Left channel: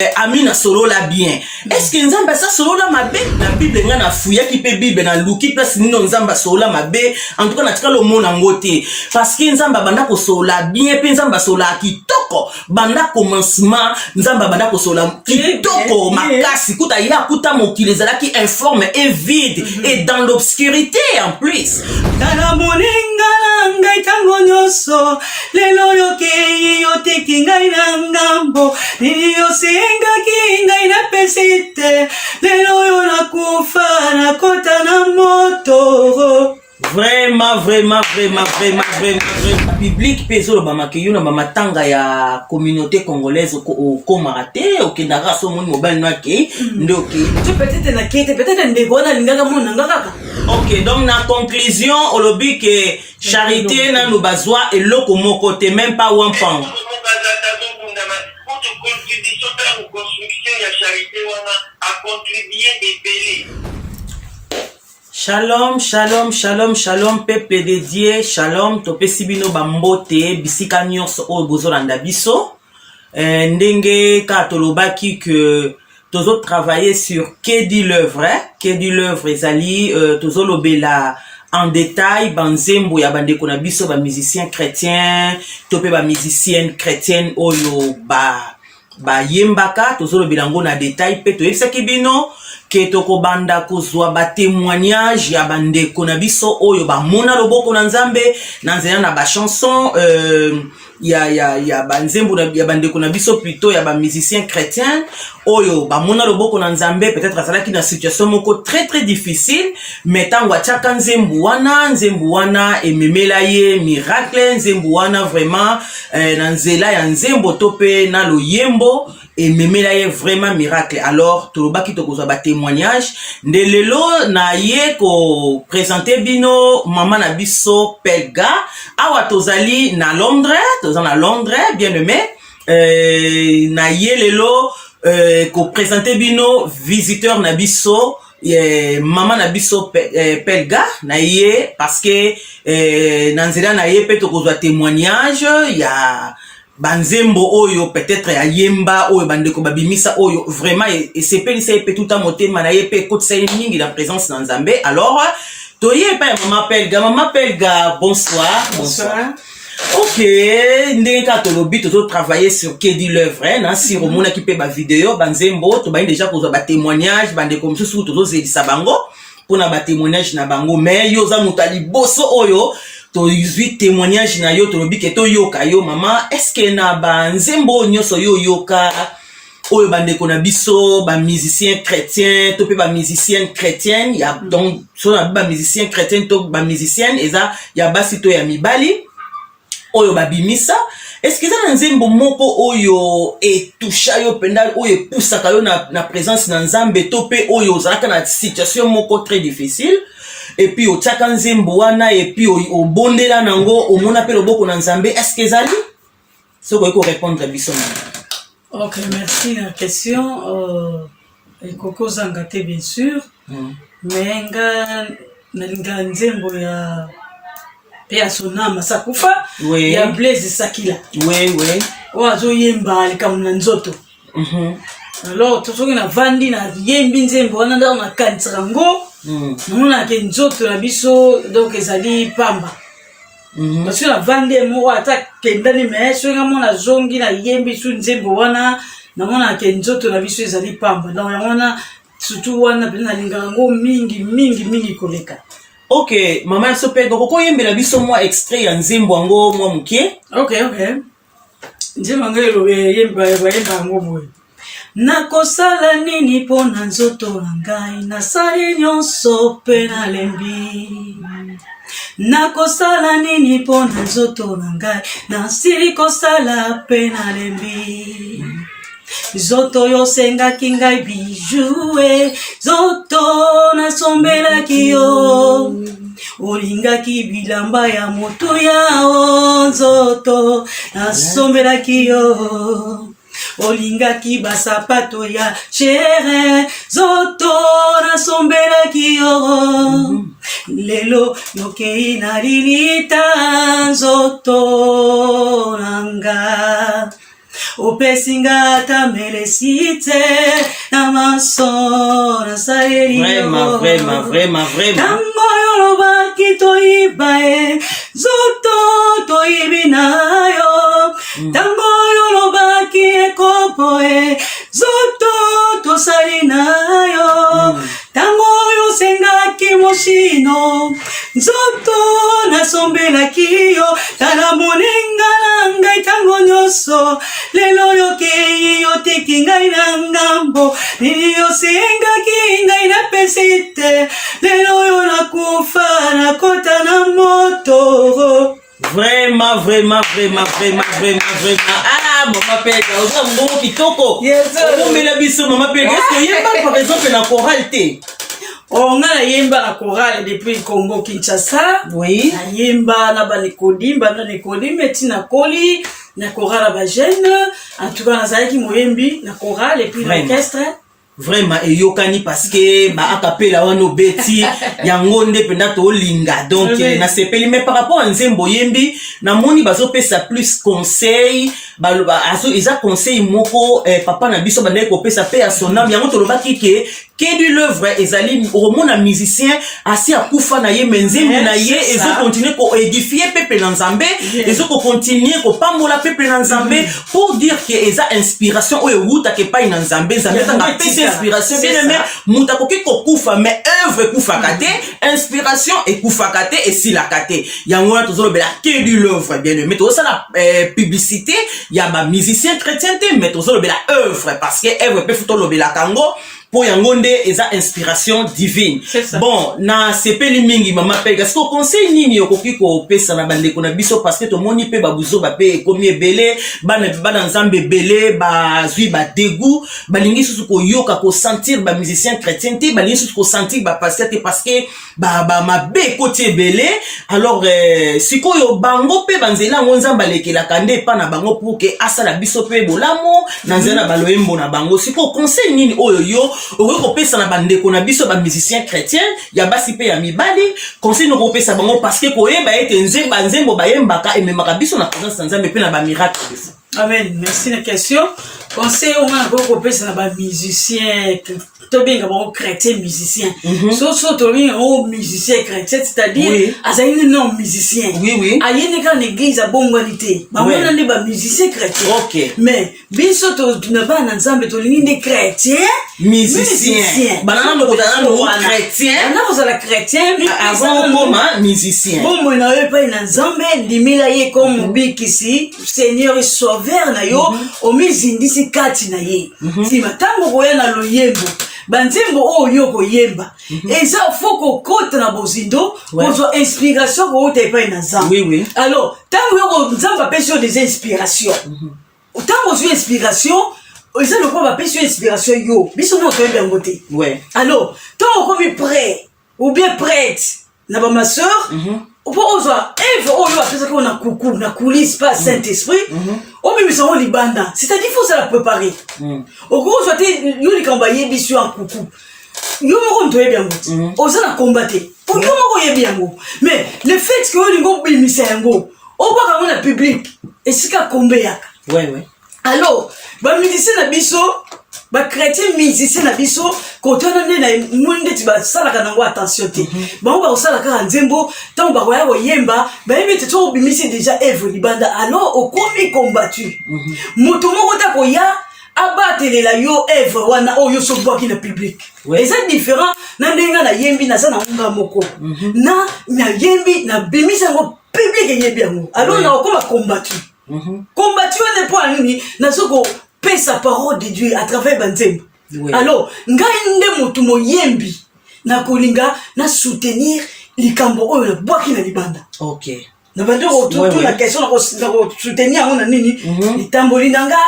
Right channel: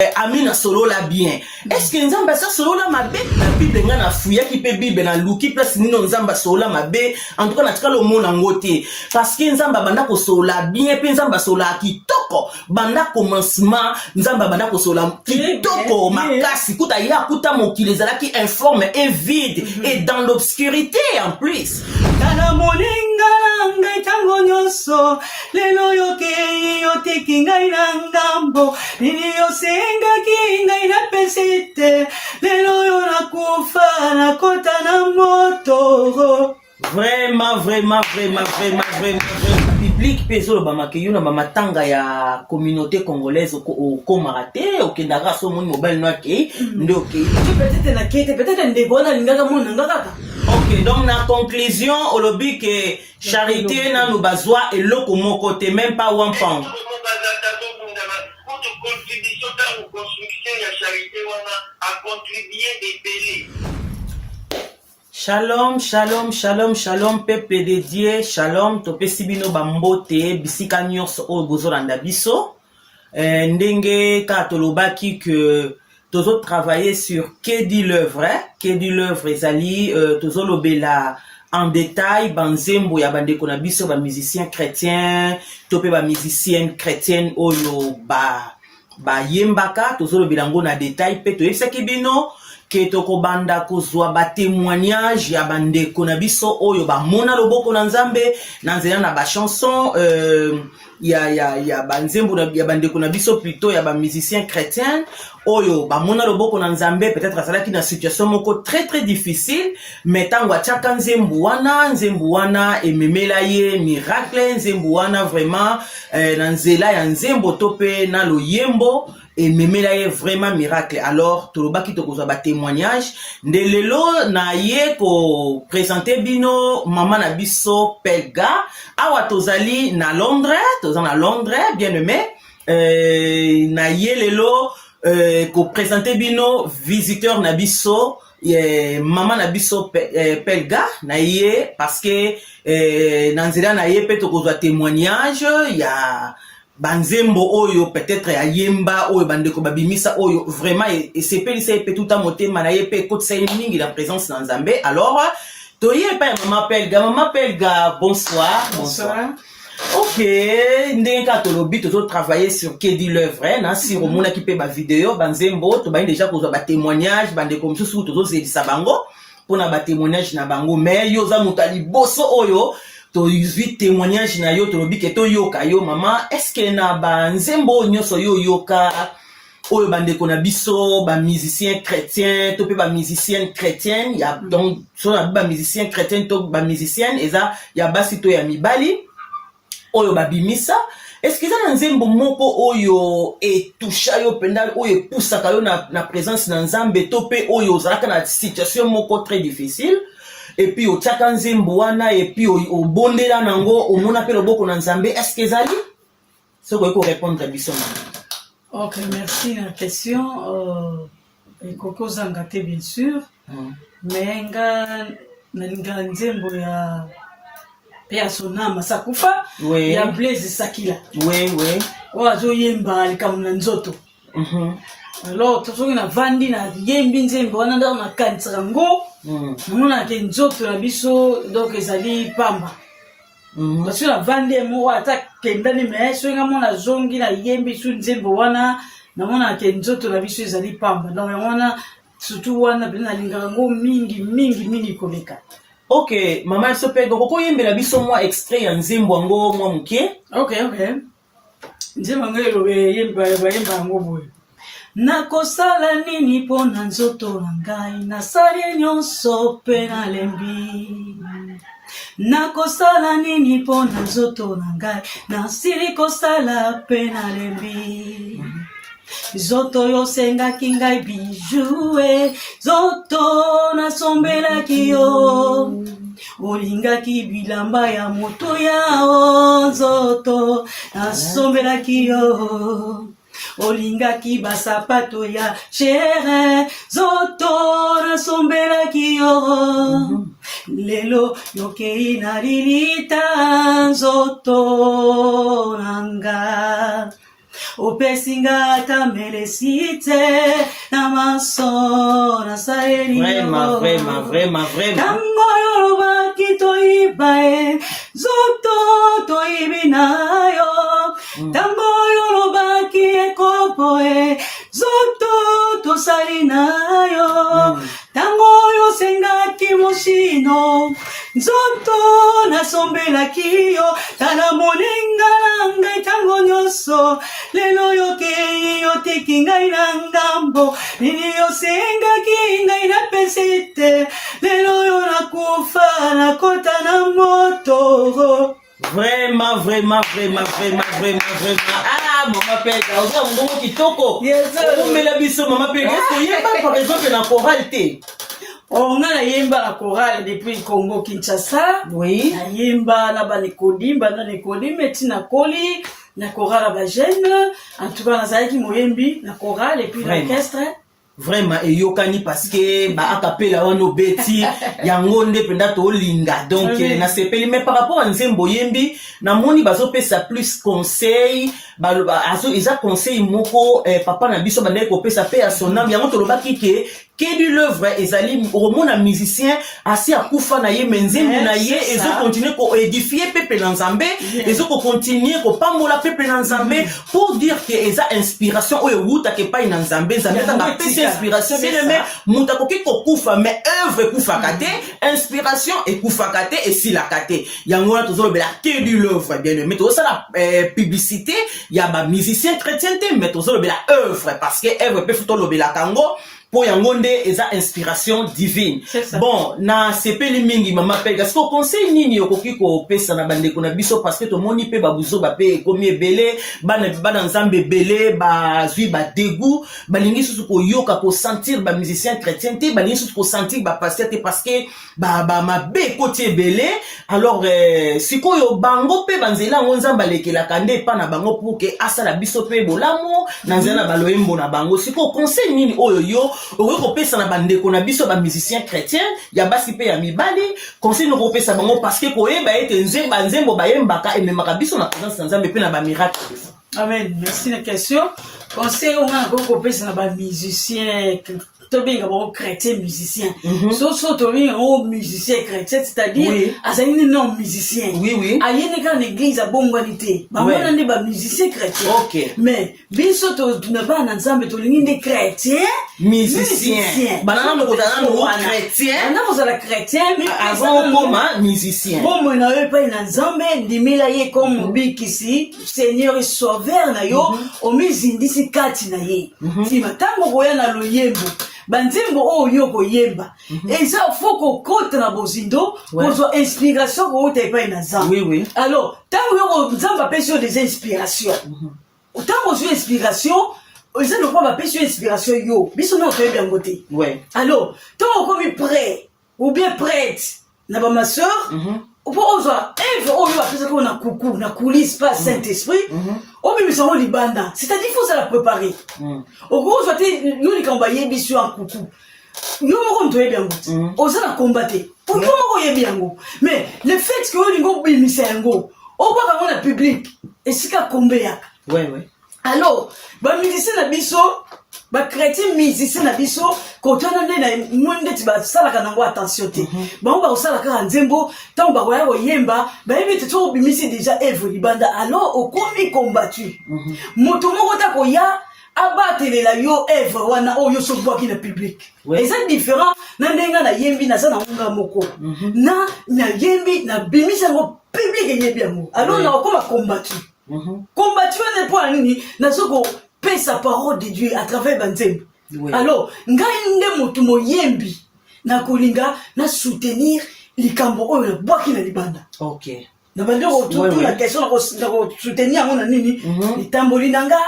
Amina solo la bien. Est-ce que nzamba ça solo la mabe? La Bible nga na fouya qui peut Bible na luki place nino nzamba solo la mabe. En tout cas na tika le mot na ngote. Parce que nzamba banda ko solo la bien pe nzamba solo la kitoko. Banda commencement nzamba banda ko solo la kitoko makasi kuta ya kuta mokili zalaki informe et vide et dans l'obscurité en plus. Kala moninga ngai tango nyoso lelo yoke yotiki ngai ngambo niyo senga kingai na pesite lelo yo na kufa na kota na moto. Vraiment biblique peso ba makiyo na matanga ya communauté congolaise au Marate au Kendara so mon mobile noaki ndoki peut-être na kete peut-être ndebona lingaka mona ngaka. OK, donc na conclusion olobi que charité na no bazwa et loko moko te même pas one pound. Contribution à la construction de la charité a contribué des pélés. Shalom, peuple de Dieu, shalom, topesi bino bambote, bisika nyonso oyo bozolanda biso. Ndenge ka tolobaki que tozo travailler sur Quai du l'œuvre, Quai du l'œuvre ezali tozolobela en détail banzembo ya bandeko na biso ba musiciens chrétiens, topé ba musicienne chrétienne oyo ba yembaka tozolobela ngo na détail pe toyebisaki bino ke tokobanda kozwa ba témoignage ya bandeko na biso oyo ba mona loboko na Nzambe na nzela na ba chanson ya banzembo ya bandeko na biso plutôt ya ba musiciens chrétiens oyo ba mona loboko na Nzambe peut-être azalaki na situation moko très difficile mais tango ataka nzembo wana ememela ye miracle nzembo wana vraiment na nzela ya nzembo tope na loyembo et memela ye vraiment miracle. Alors tolobaki tokozwa ba témoignage nde lelo na ye ko présenter bino mama na biso Pelga awa tozali na Londres bien aimé na ye lelo ko présenter bino visiteur na biso mama na biso Pelga na ye parce que na nzela na ye pe tokozwa témoignage ya banzembo oyo peut-être ya yemba oyo bandeko babimisa oyo vraiment esepelisa ye pe tout à motema na ye pe kotisa ye mingi na présence na Nzambe. Alors toye pa mama Pelga bonsoir. OK, ndenge ka tolobi tozo travailler sur Quai du l'œuvre na si romona ki pe ba vidéo banzembo to ba déjà kozwa ba témoignage bandeko msusu tozo zelisa bango pona ba témoignage na bango mais yo za mutali boso oyo to yuzi témoignage na yo tolobi ke to yoka yo mama est-ce que na ba nzembo nyoso yo yoka oyo bandeko na biso ba musicien chrétien to pe ba musicienne chrétienne ya donc so na ba musicien chrétien to ba musicienne eza ya basi to ya mibali oyo babimisa est-ce que ça nzembo moko oyo etusha yo penda oyo pusaka yo na présence na Nzambe to pe oyo zalaka na situation moko très difficile et puis au tchaka nzembo wana et puis au bondela nango au mona pe loboko na Nzambe est-ce que zali so ko répondre à biso. OK, merci la question et koko zangate bien sûr mais nga nalinga nzembo ya pe sonama sakufa ya Blaise Sakila oui wazo yemba likamuna nzoto alors tozoki na vandi na yembi nzembo wana ndo na kantsira ngo mona ke nzoto na biso donc ezali pamba parce que na vandi mo ata kendani mais so nga mona zongi na yembi su nzembo wana na mona ke nzoto na biso ezali pamba donc wana surtout wana na linga ngo mingi koleka. OK, mama Sopego koko yembela biso mwa extrait ya nzembo ngo mwa mukie. OK. Nzembo ngelo yemba ngo boye. Nakosala nini pona nzoto na ngai nasali nyonso pe nalembi. Nakosala nini pona nzoto na ngai nasili kosala pe nalembi. Zoto yo sengaki ngai bijou zoto nasombelaki yo olingaki bilamba ya moto ya zoto nasombelaki yo olingaki basapato ya chere zoto nasombelaki yo lelo yokei nalinita zoto nanga opesinga tamelesite na maso na saleli vraiment tango yolobaki toyibae zoto toyibi nayo tango yolobaki ekopoe zoto tosali nayo tango yosengaki mosino nzoto nasombelaki yo tala moninga na ngai tango nyonso lelo yokei yotiki ngai na ngambo nini yosengaki ngai napesi te lelo yo nakufa nakota na moto. Vraiment. Ah, maman Pega, on a un bon kitoko. On met la biso, maman Pega. Est-ce qu'il y a par exemple la chorale té? On a la yemba la chorale depuis Congo Kinshasa. Oui. La yemba na ba Nikodimba na Nikodimba tina koli na chorale ba jeune. En tout cas na zaki moyembi na chorale et puis l'orchestre. Vraiment et yokani parce que ba akapela wano beti yango nde penda to linga donc na sepeli mais par rapport à nzembo yembi na moni bazo pesa plus conseil ba azo isa conseil moko papa na biso bande ko pesa pe à son âme yango to lobaki que de l'œuvre ezali romona musicien asi akufa na ye menzembo na ye ezo continuer ko édifier peuple na Nzambe ezo ko continuer ko pambola peuple na Nzambe pour dire que eza inspiration oyo wuta ke pa na Nzambe tanga inspiration bien aimé muta koki ko kufa mais œuvre kufa kate inspiration et kufa kate et si la kate yango na tozo bela que de l'œuvre bien aimé to ça la publicité ya ba musicien chrétien mais tozo bela œuvre parce que œuvre peut futo lo bela kango pour yangonde eza inspiration divine. Bon na sepeli mingi mama Pega est-ce que conseil nini yokoki ko pesa na bande ko na biso parce que to moni pe babuzo ba pe komi ebele bana Nzambe belé ba zui ba dégoût balingi susu ko yoka ko sentir ba musicien chrétien te balingi susu ko sentir ba pasteur te parce que ba mabe côté belé alors sikoyo bango pe banzela ngonzamba lekela kande pa na bango pour que asala biso pe bolamo na nzela baloembo na bango siko conseil nini oyo yo oko pesa na bandeko na biso ba musicien chrétien ya basi pe ya mibali conseil no ko pesa bango parce que koyeba ete nzembo bayembaka ememaka biso na présence na Nzambe pe na ba miracle. Amen. Merci la question. Conseil au moins ko pesa na ba musicien to bien bon chrétien musicien. So to bien au musicien chrétien c'est-à-dire azali non musicien. Oui. Ayene quand l'église a bonne qualité. Ba mona ne ba musicien chrétien. OK. Mais biso to na ba na Nzambe to lingi des chrétiens musicien. Banana no chrétien. On a la chrétien mais avant comme musicien. Bon moi na pas na Nzambe dimila ye comme bikisi Seigneur et sauveur na yo o mizindisi kati na ye. Si matango koya na loyembo banzembo oyo koyemba eza foko kota na bozindo pour inspiration ko tepa na Nzambe. Oui. Alors tango yo Nzambe pesa des inspirations. Tango zo inspiration ils ont pas pesa inspiration yo biso no to bien côté. Ouais. Alors tant comme prêt ou bien prête na ba ma sœur on peut osa Eve oyo apesa ko na kuku na coulisse pas Saint-Esprit on peut miso libanda c'est-à-dire faut ça la préparer au gros soit yo li kamba yebi sur en kuku yo moko ntoye bien ngote osa na combattre pour yo moko yebi yango mais le fait que yo ngo bimisa yango on pas comme na public et sika kombe yaka. Ouais. Alors ba musicien na biso ba chrétien musicien na biso ko tona ne na munde ti ba sala kana ngo attention te ba ba sala ka nzembo tant ba ya ko yemba ba yembe te to bimisi déjà Eve libanda alors au komi combattu moto moko ta ko ya abatele la yo Eve wana oyo so bwa ki na public et c'est différent na ndenga na yembi na sana nga moko na yembi na bimisi ngo public yembi yango alors na ko combattu combattu ne point nini na soko paie sa parole de Dieu à travers Banzembo. Alors, ngai nde motu moyembi na kolinga na soutenir likambo oyo na bwaki na libanda. OK. Na bande tout la question na soutenir on nini litamboli nanga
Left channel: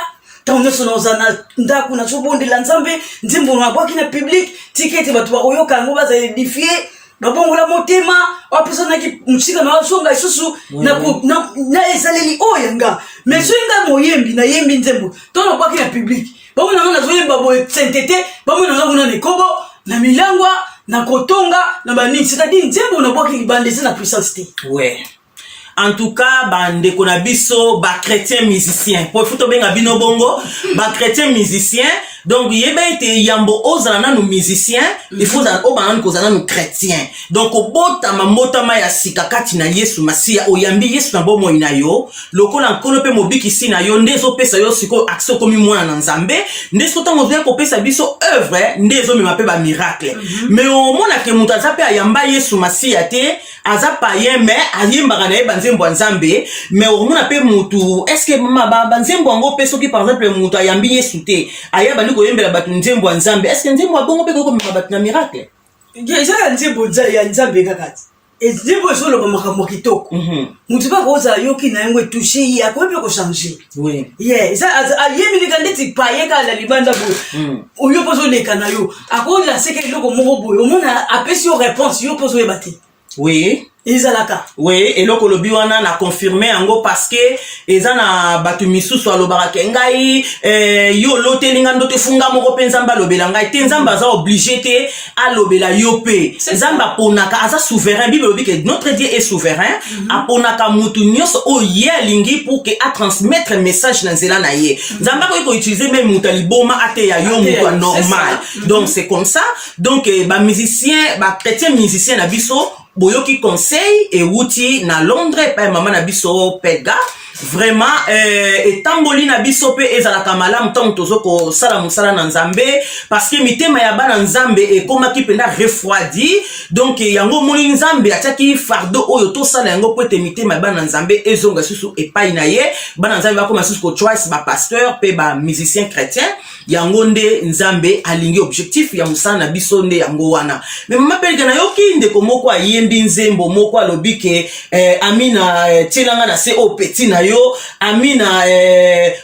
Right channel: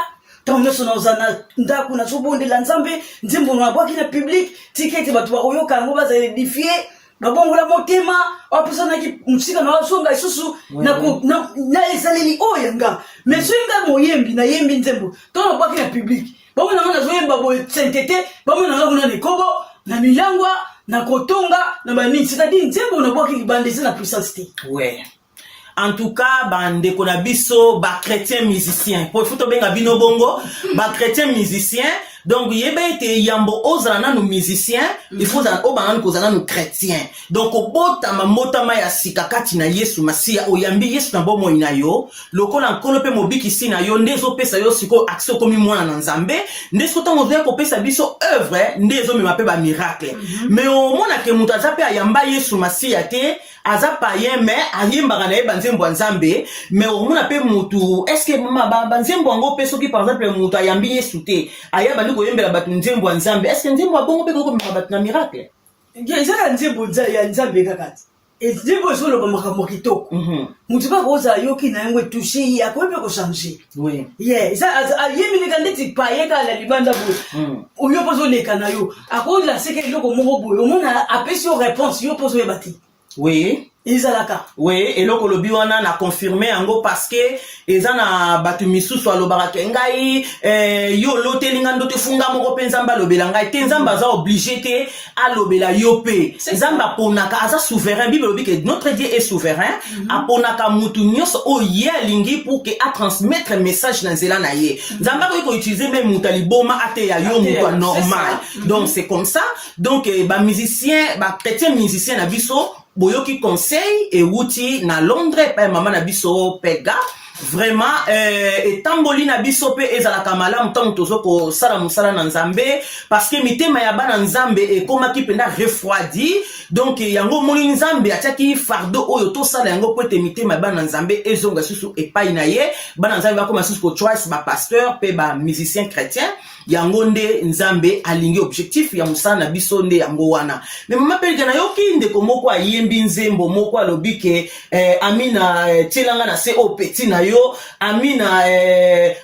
tant sono zana ndaku na sobonde la Nzambe nzembo na bwaki na public ticket batu ba koyoka ngo baza édifier babongola motema wapesana ki musika na songa isusu na esaleli oyanga mais soinga moyembi na yembi nzembo to na bwaki na public bamona na zoyemba boye sainteté bamona na nekobo na milangwa na kotonga na banini c'est-à-dire nzembo na bwaki libande c'est la puissance. Ouais. en tout cas bande kona biso ba chrétien musicien pour futo benga bino bongo ba chrétien musicien donc yeba ite yambo ozana nanu musicien il faut dans obana kozana nu chrétien donc obota mamotama ya sika kati na Yesu Masia oyambi Yesu na bomo ina yo lokola nkolo pe mobiki sina yo ndezo pesa yo siko action komi mwana na Nzambe ndezo tango zeko pesa biso œuvre ndezo mema pe ba miracle mais au mona ke mutaza pe ayamba Yesu Masia te aza païen mais ayemba na yeba nzembo Nzambe mais au mona pe mutu est-ce que mama ba nzembo ngo pe soki par exemple mutu ayambi Yesu te ayeba ndiko yembela batu nzembo Nzambe est-ce que nzembo bongo pe ko mema batu na miracle Déjà nzembo ya Nzambe kakati nzembo solo ba makambo kitoko mutu ba koza yoki na ngwe toucher ya ko pe ko changer oui ça ayemi ni kandeti paye ka la libanda bo oyo pozo leka na yo akola seke loko moko boyo mona apesi yo réponse yo pozo yebati oui ezalaka oui et loko lobi wana na confirmer yango parce que ezana batu misusu alobaka ke ngai yo lotelinga ndote funga moko pe Nzamba lobela ngai te Nzamba za obligé te alobela yo pe Nzamba ponaka aza souverain Bible lobi que notre Dieu est souverain aponaka mutu nyos o ye lingi pour que a transmettre message na nzela na ye Nzamba ko utiliser même mutu liboma ate ya yo mutu normal donc c'est comme ça donc ba musicien ba chrétien musicien na biso boyoki conseil et wuti na Londres pa mama na biso pega vraiment etamboli na biso pe ezalaka malamu tant tozoko sala musala na Nzambe parce que mitema ya bana Nzambe ekomaki penda refroidi donc yango moni Nzambe atiaki fardeau oyo to sala yango po ete mitema ya bana Nzambe ezonga susu epai na ye bana Nzambe bakoma susu ko choice ba pasteur pe ba musicien chrétien yango nde Nzambe alingi objectif ya musala na biso nde yango wana mais mama pelga na yoki ndeko moko ayembi nzembo moko alobike amina tilanga na se o petit na yo amina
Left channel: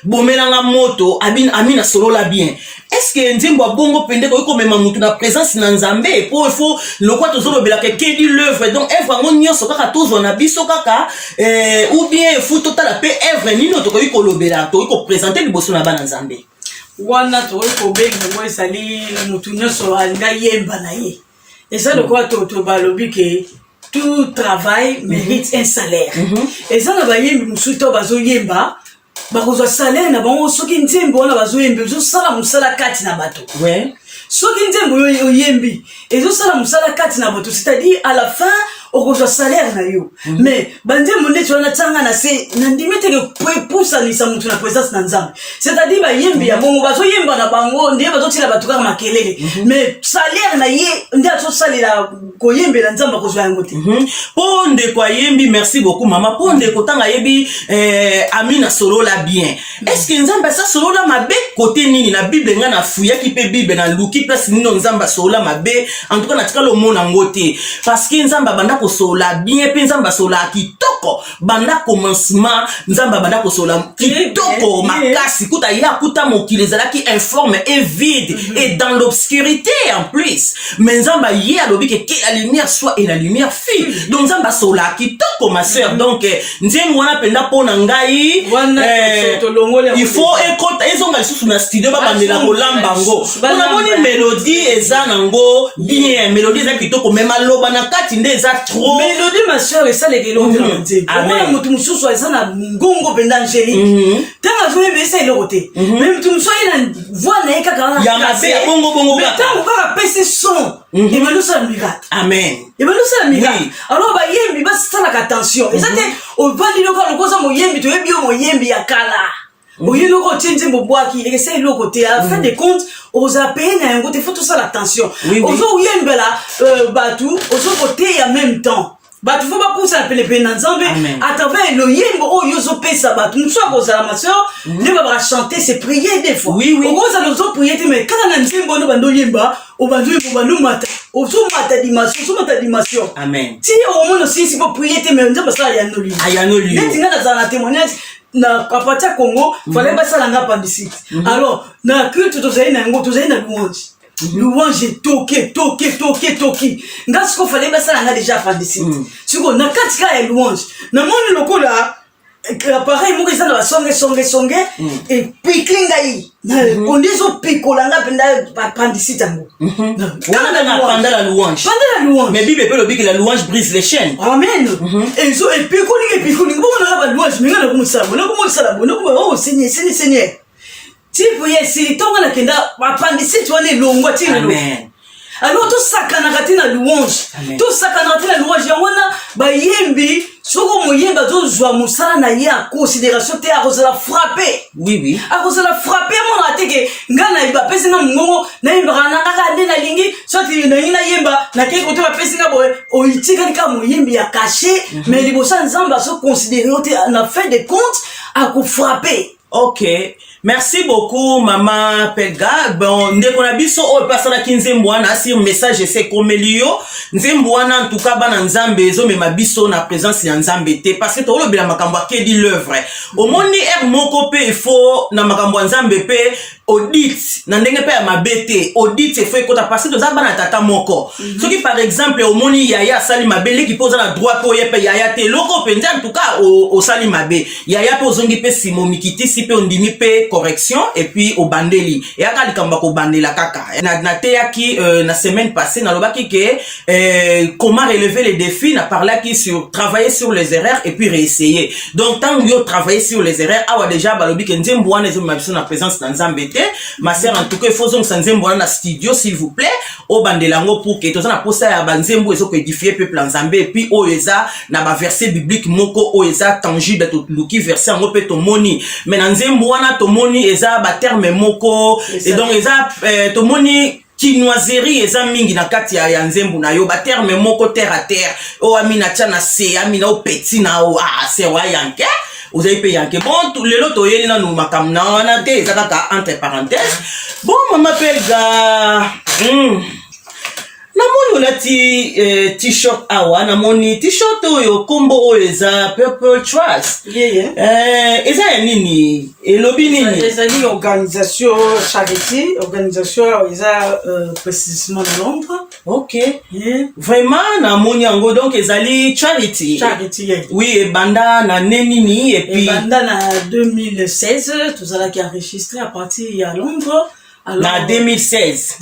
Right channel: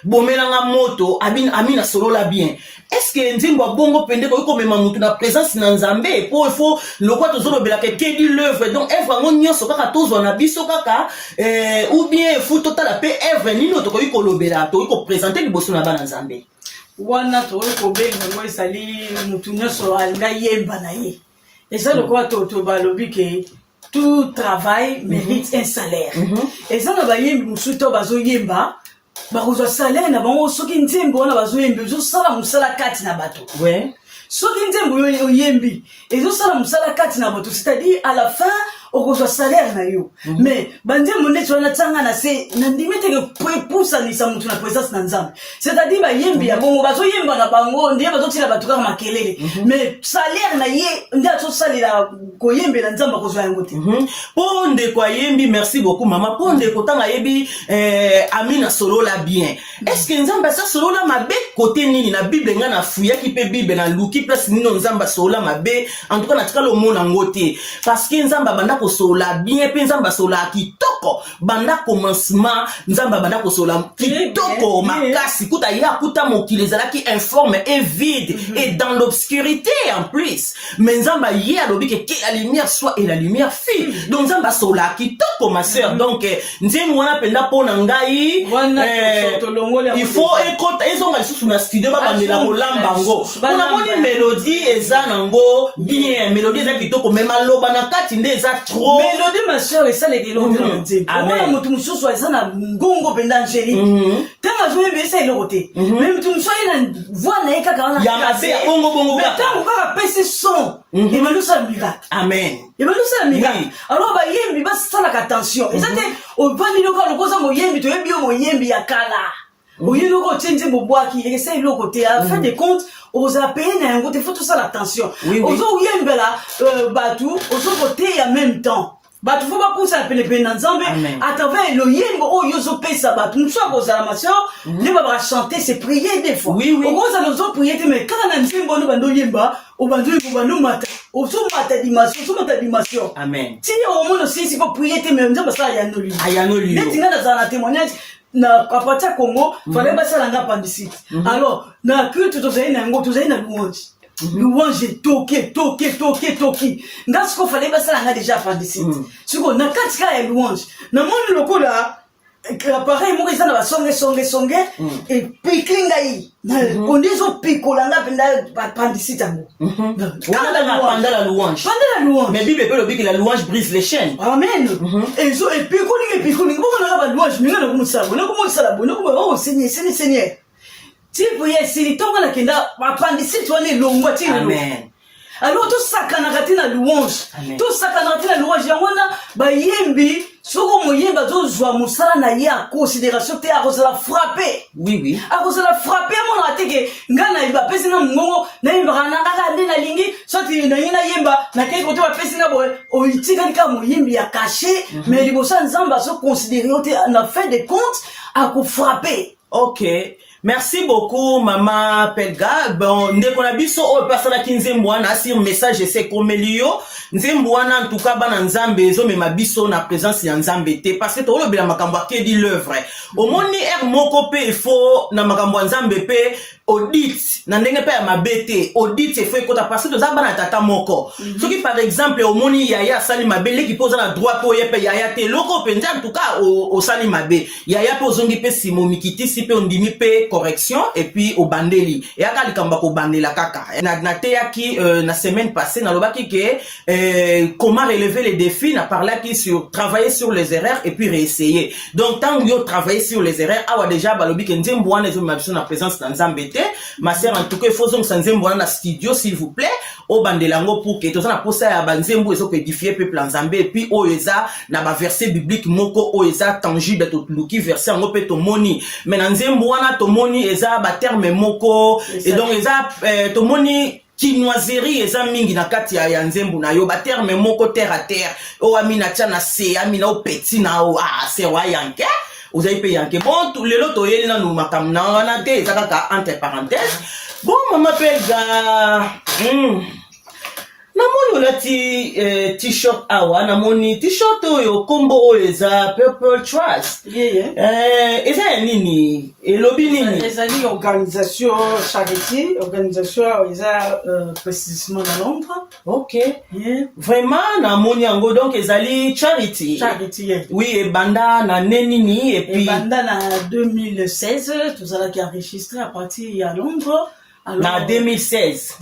bomelanga moto amina solola bien est-ce que nzembo bongo pende ko komema mutu na présence na Nzambe po il faut lokwa tozolobela ke kedi l'œuvre donc œuvre ngo nyonso kaka tozwa na biso kaka ou bien faut total pe œuvre nino to ko lobela to ko présenter liboso na bana Nzambe wana to ko benga ngo esali mutu nyonso alinga yemba na ye eza lokwa to balobi ke tout travail mérite un salaire et ça na ba yembi musu to bazo yemba bakozwa salaire na bango soki nzembo na bazo yembi zo sala musala kati na bato ouais soki nzembo yo yembi ezo sala musala kati na bato c'est-à-dire à la fin okozwa salaire na yo mais banzembo ndeto na tsanga na se na ndimete ke pousa ni sa mutu na présence na Nzambe c'est-à-dire ba yembi ya bongo bazo yemba na bango ndiye bazo tila bato kaka makelele mais salaire na ye ndiye azo salira ko yembe na Nzambe kozwa yango te ponde kwa yembi merci beaucoup mama ponde kotanga yebi amina solola bien est-ce que Nzambe sa solola mabe côté nini na Bible nga na fuya ki pe Bible na luki place nino Nzambe solola mabe en tout cas na tikalo mona ngote parce que Nzambe banda ko sola bien pe Nzambe sola kitoko banda commencement Nzambe banda ko sola kitoko makasi kuta ya kuta mokili ezalaki informe et vide et dans l'obscurité en plus mais Nzambe ye alobi que la lumière soit et la lumière fut donc Nzambe sola kitoko ma sœur donc nzembo wana penda pona ngai il faut écouter ezonga susu na studio ba bandela kolamba ngo ona moni mélodie eza nango bien mélodie eza kitoko même aloba na kati nde eza trop mélodie ma sœur et ça les gelo amen mutu mususu eza na ngongo penda angélique tanga jouer mais c'est le côté même mutu mususu ina voix na ekaka ya mabe ya bongo mais tango kaka pese son il va nous faire miracle amen il va nous faire miracle alors ba yembi ba sala attention et ça te au bandi lokalo koza mo yembi to yebi mo yembi ya kala oyi loko tsenze mbobwaki essaye loko te à fin de compte aux appels na yango te faut tout ça l'attention ozo yembela batu ozo voter en même temps batu faut pas pousser appeler pena Nzambe à travers le yembo o yozo pesa batu mso kozala ma sœur ne va chanter c'est prier des fois oza lozo prier mais quand na nzembo no bando yemba o bando bando mata ozo mata dimension amen si au moins aussi si pour prier mais Nzambe ça ya no lui netinga na za témoignage na kapatia Congo fallait pas ça la appendicite alors na culte tozali na yango tozali na louange toke ngasiko fallait pas ça la déjà appendicite siko na katika ya louange na moni lokola appareil moko eza na basonge epikle ngai konde ezopikola nga mpenza bapandisite yango pendant la louange mais bible pe lobi que la louange brise les chaînes amen epikolingi bomonaka balouange minga nakomosala nakomosala bonoko seigneur tipo yesi ntongo nakenda bapandisite wana elongwa ntina alors tosakanaka te na louange yango wana bayembi soko moyemba tozwa mosala na ye ya considération te akozala frappé akozala frappé amonaka teke ngai na bapesi nga mongongo nayembaka na kaka nde nalingi soti nangi nayemba nakei kote bapesi nga boye oitikali kaka moyembi ya caché mais liboso ya nzambe azoconsidéré yo te na fin de compte akofrappé. Ok, merci beaucoup Maman Pelga. Bon, ndeko na biso o pasala kinzembo wana sur message c'est comme liyo. Nzembo wana en tout cas bana nzambe ezo mema biso na présence ya nzambe te parce que to lobela makambo akedi l'œuvre. Omoni moko pe il faut na makambo nzambe pe audit na ndenge pe ya mabete audit il faut ekota parce que toza bana tata moko. Soki par exemple omoni yaya sali mabele ki poza na droit ko yepe yaya te loko penza en tout cas au sali mabe. Yaya pe ozongi pe simomikiti pe ondimi pe correction et puis au bandeli et aka likamba ko bandela kaka na teyaki na semaine passée na lobaki que comment relever les défis na parlé qui sur travailler sur les erreurs et puis réessayer donc tant yo travailler sur les erreurs awa déjà balobi que nzembo wana ezo mabisa na présence na nzambe te ma sœur en tout cas il faut zonga nzembo wana na studio s'il vous plaît au bandelango pour que toza na posa ya banzembo ezo ko édifier peuple nzambe et puis o eza na ba verset biblique moko o eza tangible to luki verset ngo pe to moni mais na nzembo wana to moni eza ba terme moko et donc eza to moni chinoiserie eza mingi na kati ya nzembo na yo ba terme moko terre à terre o amina tchana se amina o petit na o c'est wa yanke vous avez payé yanke bon tout le lot oyeli na no makam na wana te eza kaka entre parenthèses bon Maman Pelga namoni olati t-shirt awa namoni t-shirt oyo kombo oyo eza Purple Trust eza ya nini elobi nini ezali organisation charité organisation eza précisément na Londres. Ok vraiment namoni yango donc ezali charity oui ebanda na nenini et puis ebanda na 2016 tozalaki enregistré à partir ya Londres. Alors, na 2016.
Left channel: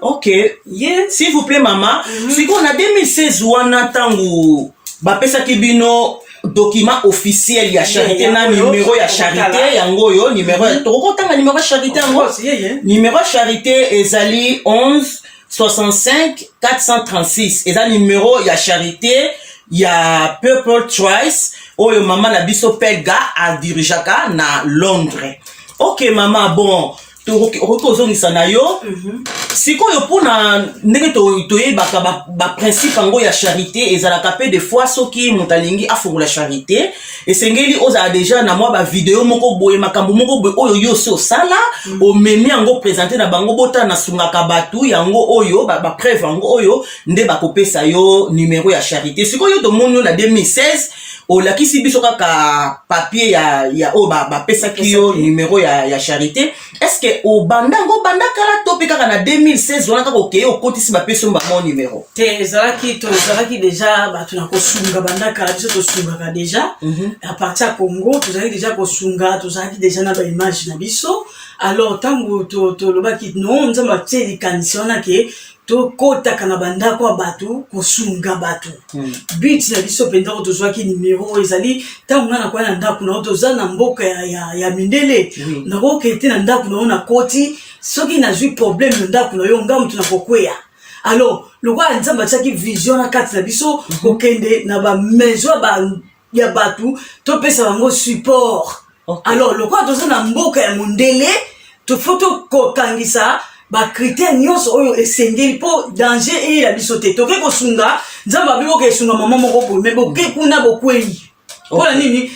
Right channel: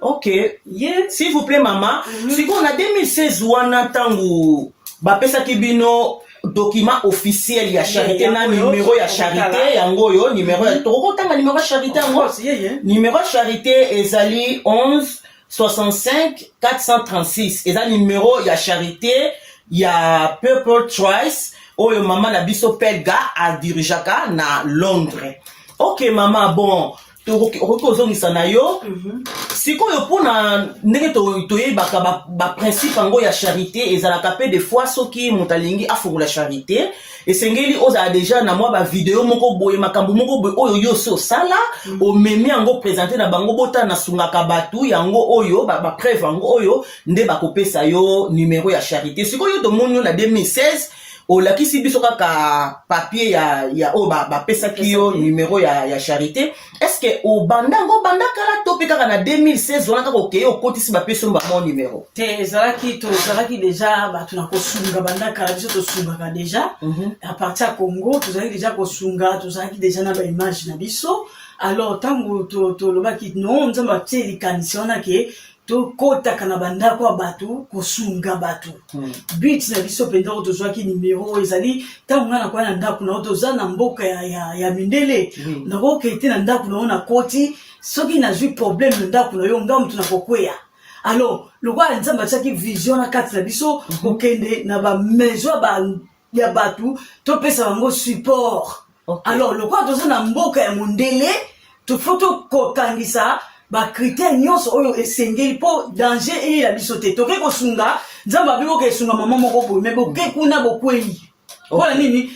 Ok. Yes. S'il vous plaît, maman. Si on a 2016 wana tango bapesa kibino document officiel ya charité na numéro ya charité yango yo numéro toko tanga numéro charité yango. Numéro charité ezali 11 65 436. Eza numéro ya charité ya Purple Trust oyo maman na biso Pelga a dirijaka na Londres. Ok maman, bon okozongisa na yo sikoyo mpona ndenge toyebaka baprincipe yango ya charité ezalaka pe des fois soki moto alingi afungola charité esengeli ozala deja na mwa bavideo moko boye makambo moko boye oyo yo si osala omemi yango présente na bango bota nasungaka bato yango oyo bapreuve yango oyo nde bakopesa yo numéro ya charité sikoyo tomoni na 2016 olakisi biso kaka papier ya o bapesaki yo numéro ya charité est-ce que obandango bandakala to pe kaka na 2016 wana kaka okeye okotisi bapesi yo bamo numéro te tozalaki déjà bato na kosunga bandakala biso tosungaka déjà à partir ya Congo tozalaki déjà kosunga tozalaki déjà na baimage na biso alors ntango tolobaki non nzambe atie likanisi wana ke tokotaka na bandako ya bato kosunga bato but na biso mpenza ko tozwaki numéro ezali ntango nga nakoya na ndako na toza na mboka ya mindele nakoke te na ndako na yo na koti soki nazwi problème na ndako na yo nga moto nakokweya alors lokola nzambe atiaki vision na kati na biso kokende na bamaison ya bato topesa bango support alors lokola toza na mboka ya mondele tofo tokokangisa critère nyonso oyo esengeli po danger et la biso te toke kosunga nzamba biko ke sunga mama moko boye mais boke kuna bokweli ola nini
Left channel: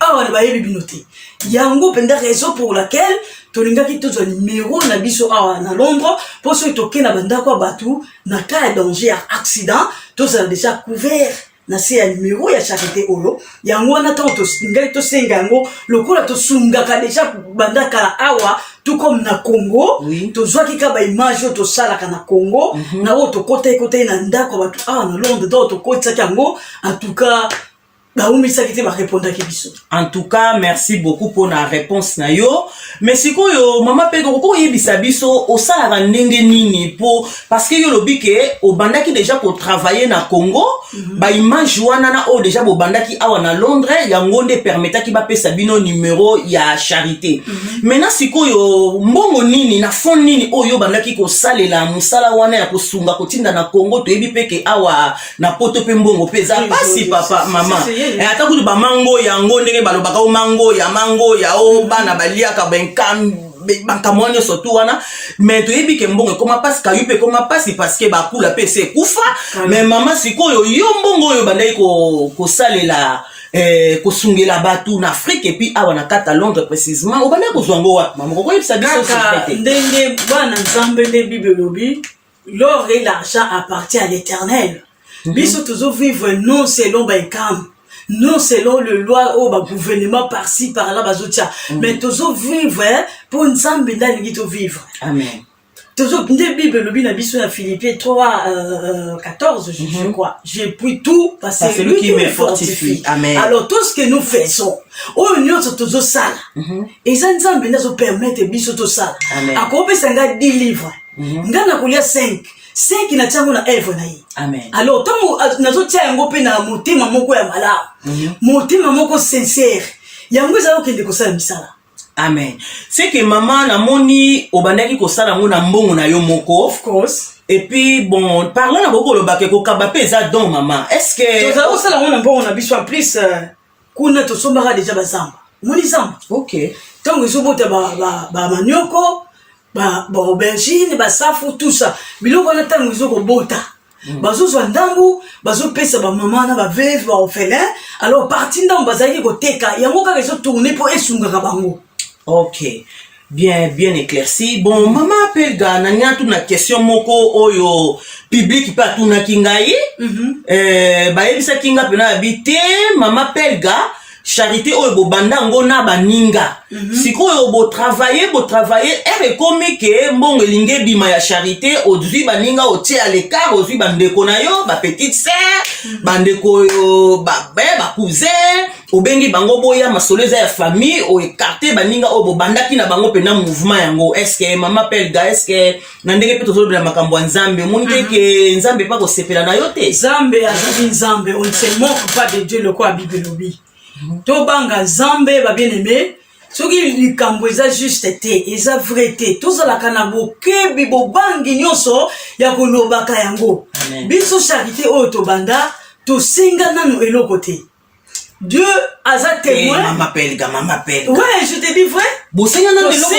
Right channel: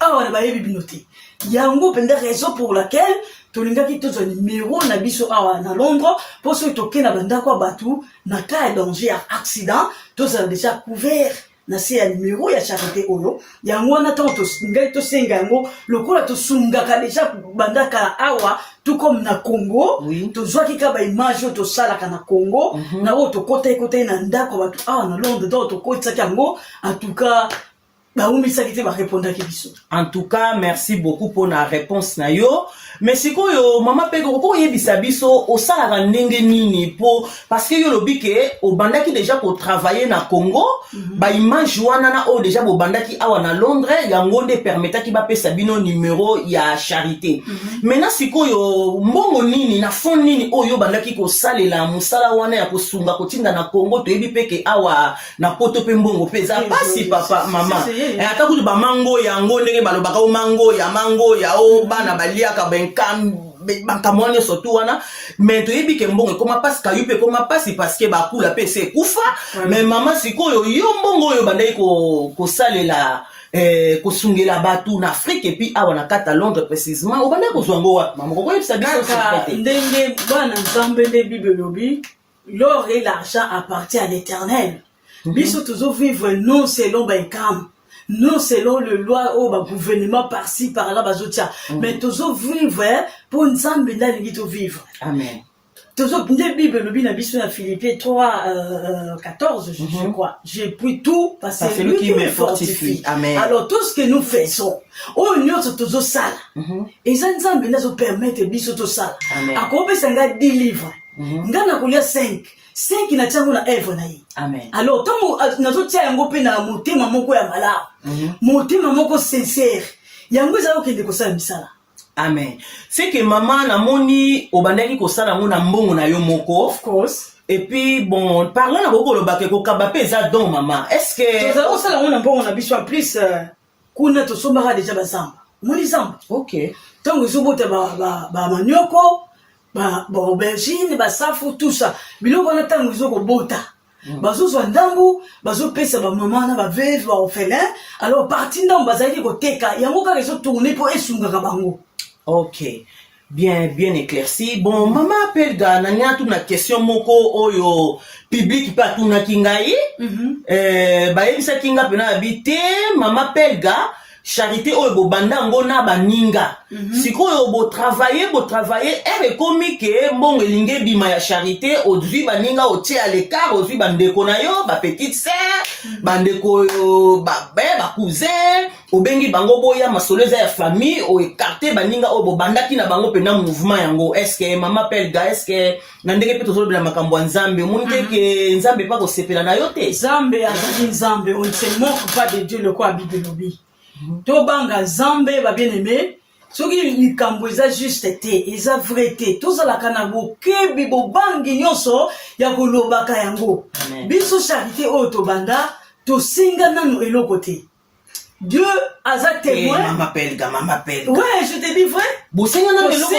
awa na bayebi bino te yango penda raison pour laquelle tolingaki tozwa numéro na biso awa na Londres po soki toke na bandako bato na cas de danger ya accident tozala déjà couvert na se ya numéro ya charité oyo yango wana ntango ngai tosenga yango lokola tosungaka deja bandaka awa tout comme na Congo tozwaki ka baimage oyo tosalaka na Congo na oyo tokota na ndako bato awa na Londres do tokotisaki yango en tout cas En tout cas, merci beaucoup pour la réponse na yo. Mais c'est quoi yo mama pe ko yebisa biso au sala ndenge nini pour parce que yo lobi ke au bandaki déjà ko travailler na Congo, ba image wana na o déjà bo bandaki awa na Londres yango nde permeta ki ba pesa bino numéro ya charité. Maintenant siko yo mbongo nini na fond nini o yo bandaki ko salela musala wana ya ko sunga ko tinda na Congo to yebi peke awa na poto pe mbongo peza pasi papa mama. Ata kudu ba mango yango ndenge balobaka o mango ya o bana baliaka bankamwanya surtout wana mais to yebi ke mbongo koma pasi kayupe koma pasi parce que bakula pese kufa mais mama sikoyo yo mbongo yo bandai ko salela ko sungela batu na Afrique et puis awa na kata Londres précisément o bandai ko zwango wa mama ko yebisa biso ndenge bana nzambe nde Bible lobi l'or et l'argent appartient à l'Éternel. Biso toujours vivre non selon Bankam, non selon le loi au gouvernement par-ci par-là bazotia, mais toujours vivre pour Nzambe ndali to vivre. Amen. Toujours la Bible le bin biso na Philippiens 3 14 je crois. J'ai pris tout parce que lui qui me fortifie. Amen. Alors tout ce que nous faisons, au union sur toujours ça. Et ça Nzambe ndazo permettre biso to ça. Akope sanga 10 livres. Ngana kulia 5 na changu na eve na hii. Amen. Alors tango nazotia yango pe na motema moko ya malala. Motema moko sincère. Yango ezalo kende kosala misala. Amen. C'est que maman na moni obandaki kosala ngo na mbongo na yo moko. Of course. Et puis bon, parlons na boko lo bake ko kabape za don maman. Est-ce que ça osala ngo na mbongo na biso plus kuna to sombaka déjà bazamba. Moni zamba. OK. Tango izobota ba manioko ba aubergine ba safu tout ça biloko na tango izoko bota bazo zwa ndangu bazo pesa ba mama na ba veuve ba orphelin alors parti ndangu bazaki ko teka yango ka rezo tourner pour esunga ka bango. OK, bien éclairci. Bon mama Pelga na nyatu na question moko oyo public pa tuna kingai ba yebisa kinga pena habité mama Pelga charité oyo bo bandango na baninga sikoyo bo travailler ere komi ke mbongo elinge bima ya charité ozui baninga otie à l'écart ozui bandeko na yo ba petite sœur bandeko yo ba cousin obengi bango boya masoleza ya famille o écarter baninga oyo bo bandaki na bango pena mouvement yango. Est-ce que mama Pelga est-ce que na ndenge pe tozolo na makambo nzambe monite ke nzambe pa ko sepela na yo te nzambe azali nzambe on ne se moque pas de Dieu le quoi Bible lobi. Tobanga Nzambe ba bien aimé soki likambo eza juste te eza vrai te tozalaka na bokebi bobangi nyonso ya kolobaka yango biso charité oyo tobanda tosenga nanu eloko te Dieu aza témoin. Mama Pelga. Ouais, je te dis vrai. Bosenga nanu eloko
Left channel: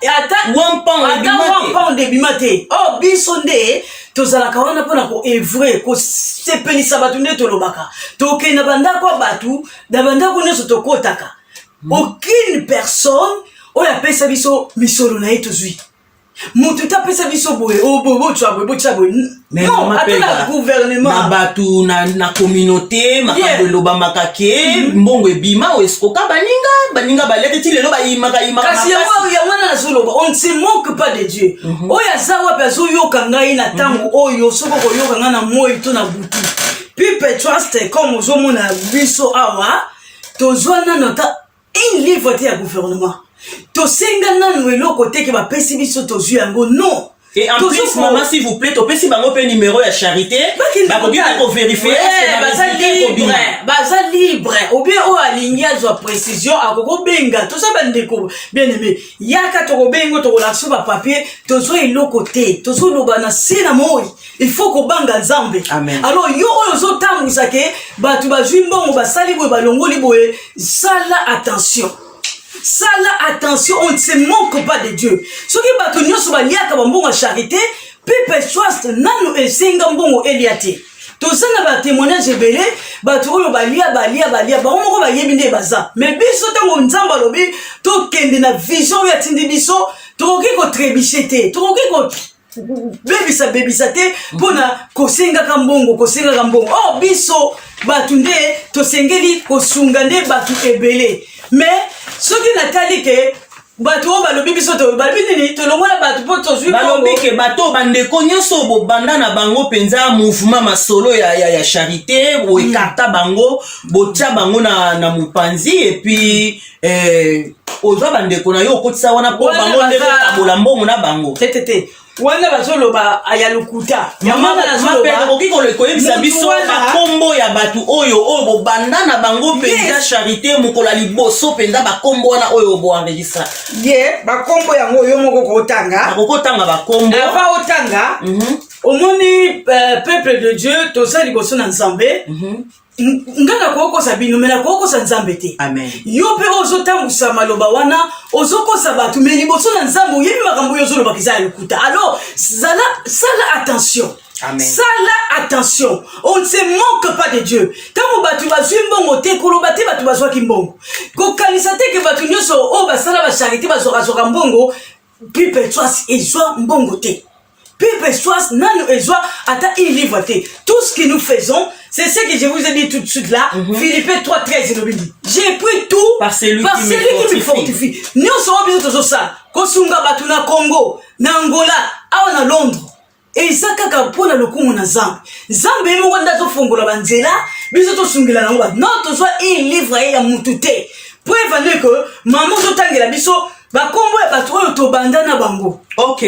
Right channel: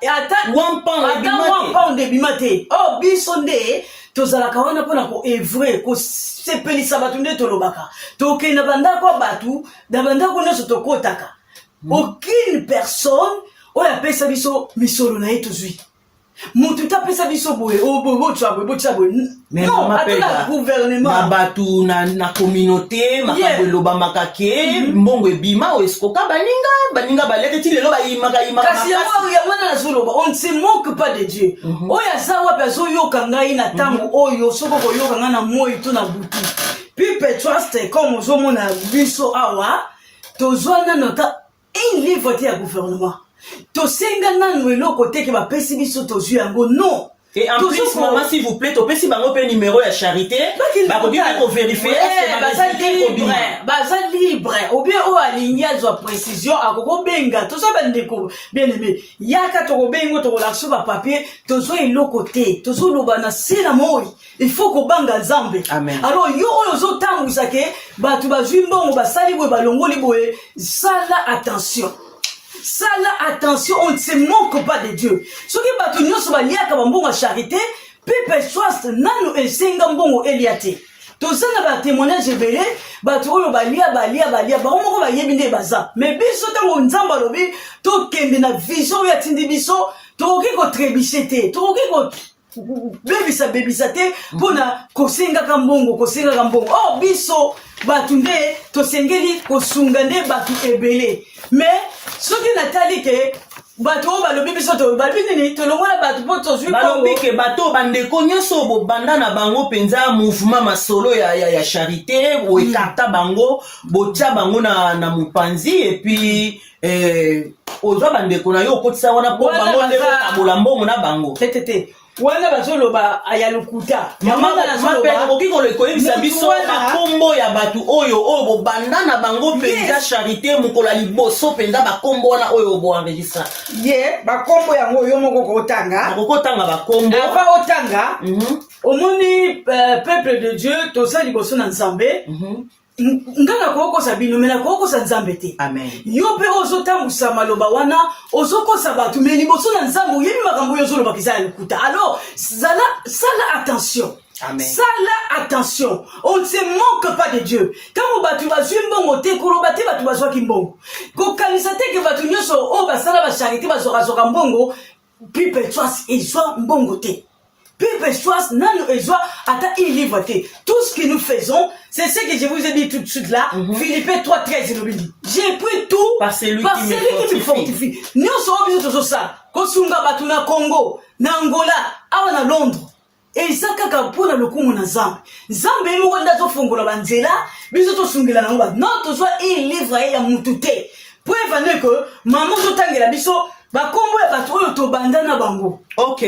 te ata wampan de bimate oh biso nde tozalaka wana pona ko evre ko sepelisa batu nde tolobaka tokenda bandako batu da bandako nyonso tokotaka aucune personne oyo apesa biso misolo na ye tozwi mutu tapesa biso boye bobo tshabo non atala gouvernement na batu na communauté makambo elobamaka ke mbongo ebima o eskoka baninga balete ti lelo bayimaka kasi yango nazoloba on ne se moque pas de Dieu oyo aza wapi azoyoka ngai na ntango oyo soki koyoka ngai na moi to na butu pipe trust comme ozomona biso awa tozwa nano ta un livre te ya gouvernement tosenga nanu eloko te ke bapesi biso tozwi yango non. Et en plus, maman, s'il vous plaît, tu peux si bango pe numéro de charité, bah pour bien vérifier baza libre ou bien o alingia zo précision akoko benga to ça bandeko bien aimé yaka to bengo to la so ba papier to zo eloko te to zo lobana sina moi il faut ko banga Nzambe. Amen. Alors yo zo tambisa ke batu bazwi mbongo basali boye balongoli boye sala attention. On ne se moque pas de Dieu. Ce qui va tenir sur la liaka bambongo charité, pipe trust nanu esenga mbongo eliate. To ça na ba témoignage belé, ba to yo balia ba moko ba yebinde baza. Mais biso tango Nzamba lobi to kende na vision ya tindi biso, to ki ko trebichete, to ki ko bebisa te pona kosenga kambongo. Oh biso batunde to sengeli kosunga nde batu ebele. Mais ce qui n'a pas dit que bato o balobi biso to balobi nini tolongola bato po tozwi balobi ke bato bandeko nyonso bobanda na bango penza mouvement masolo ya charité boekarta bango botia bango na mopanzi et puis ozwa bandeko na yo okotisa wana po bango nde botabola mbongo na bango te wana bazoloba aya lokuta okoki koyebisa biso bakombo ya bato oyo bobanda na bango mpenza charité mokolo ya liboso mpenza bakombo wana oyo boenregistra ye bakombo yango oyo moko kokotanga akokotanga bakombo ava otanga omoni peuple de Dieu toza liboso na Nzambe ngana kokosa bino mela kokosa Nzambe te amen yo pe ozotambusa maloba wana ozokosa bato me liboso na Nzambe oyebi makambo yo ozoloba kiza ya lokuta alors sala attention amen sala attention on ne se moque pas de Dieu tango bato bazwi mbongo te koloba te bato bazwaki mbongo kokanisa te ke bato nyonso o basala basharité bazwaka mbongo people trust ezwa mbongo te Pipe Soas, nano ezwa, ata il livre te. Tout ce que nous faisons, c'est ce que je vous ai dit tout de suite là. Philippe 3:13, il dit. J'ai pris tout par celui qui me fortifie. Nous sommes obligés de ça. Kosunga batuna Congo, na Angola, awa na Londres. Et ça kaka pona lokumu na Zambe. Zambe emo wanda to fongola banzela, biso to sungila na ngwa. Non to soit il livre ya mutute. Preuve ne que maman to tangela biso ba kombo ya batu to bandana bango. OK.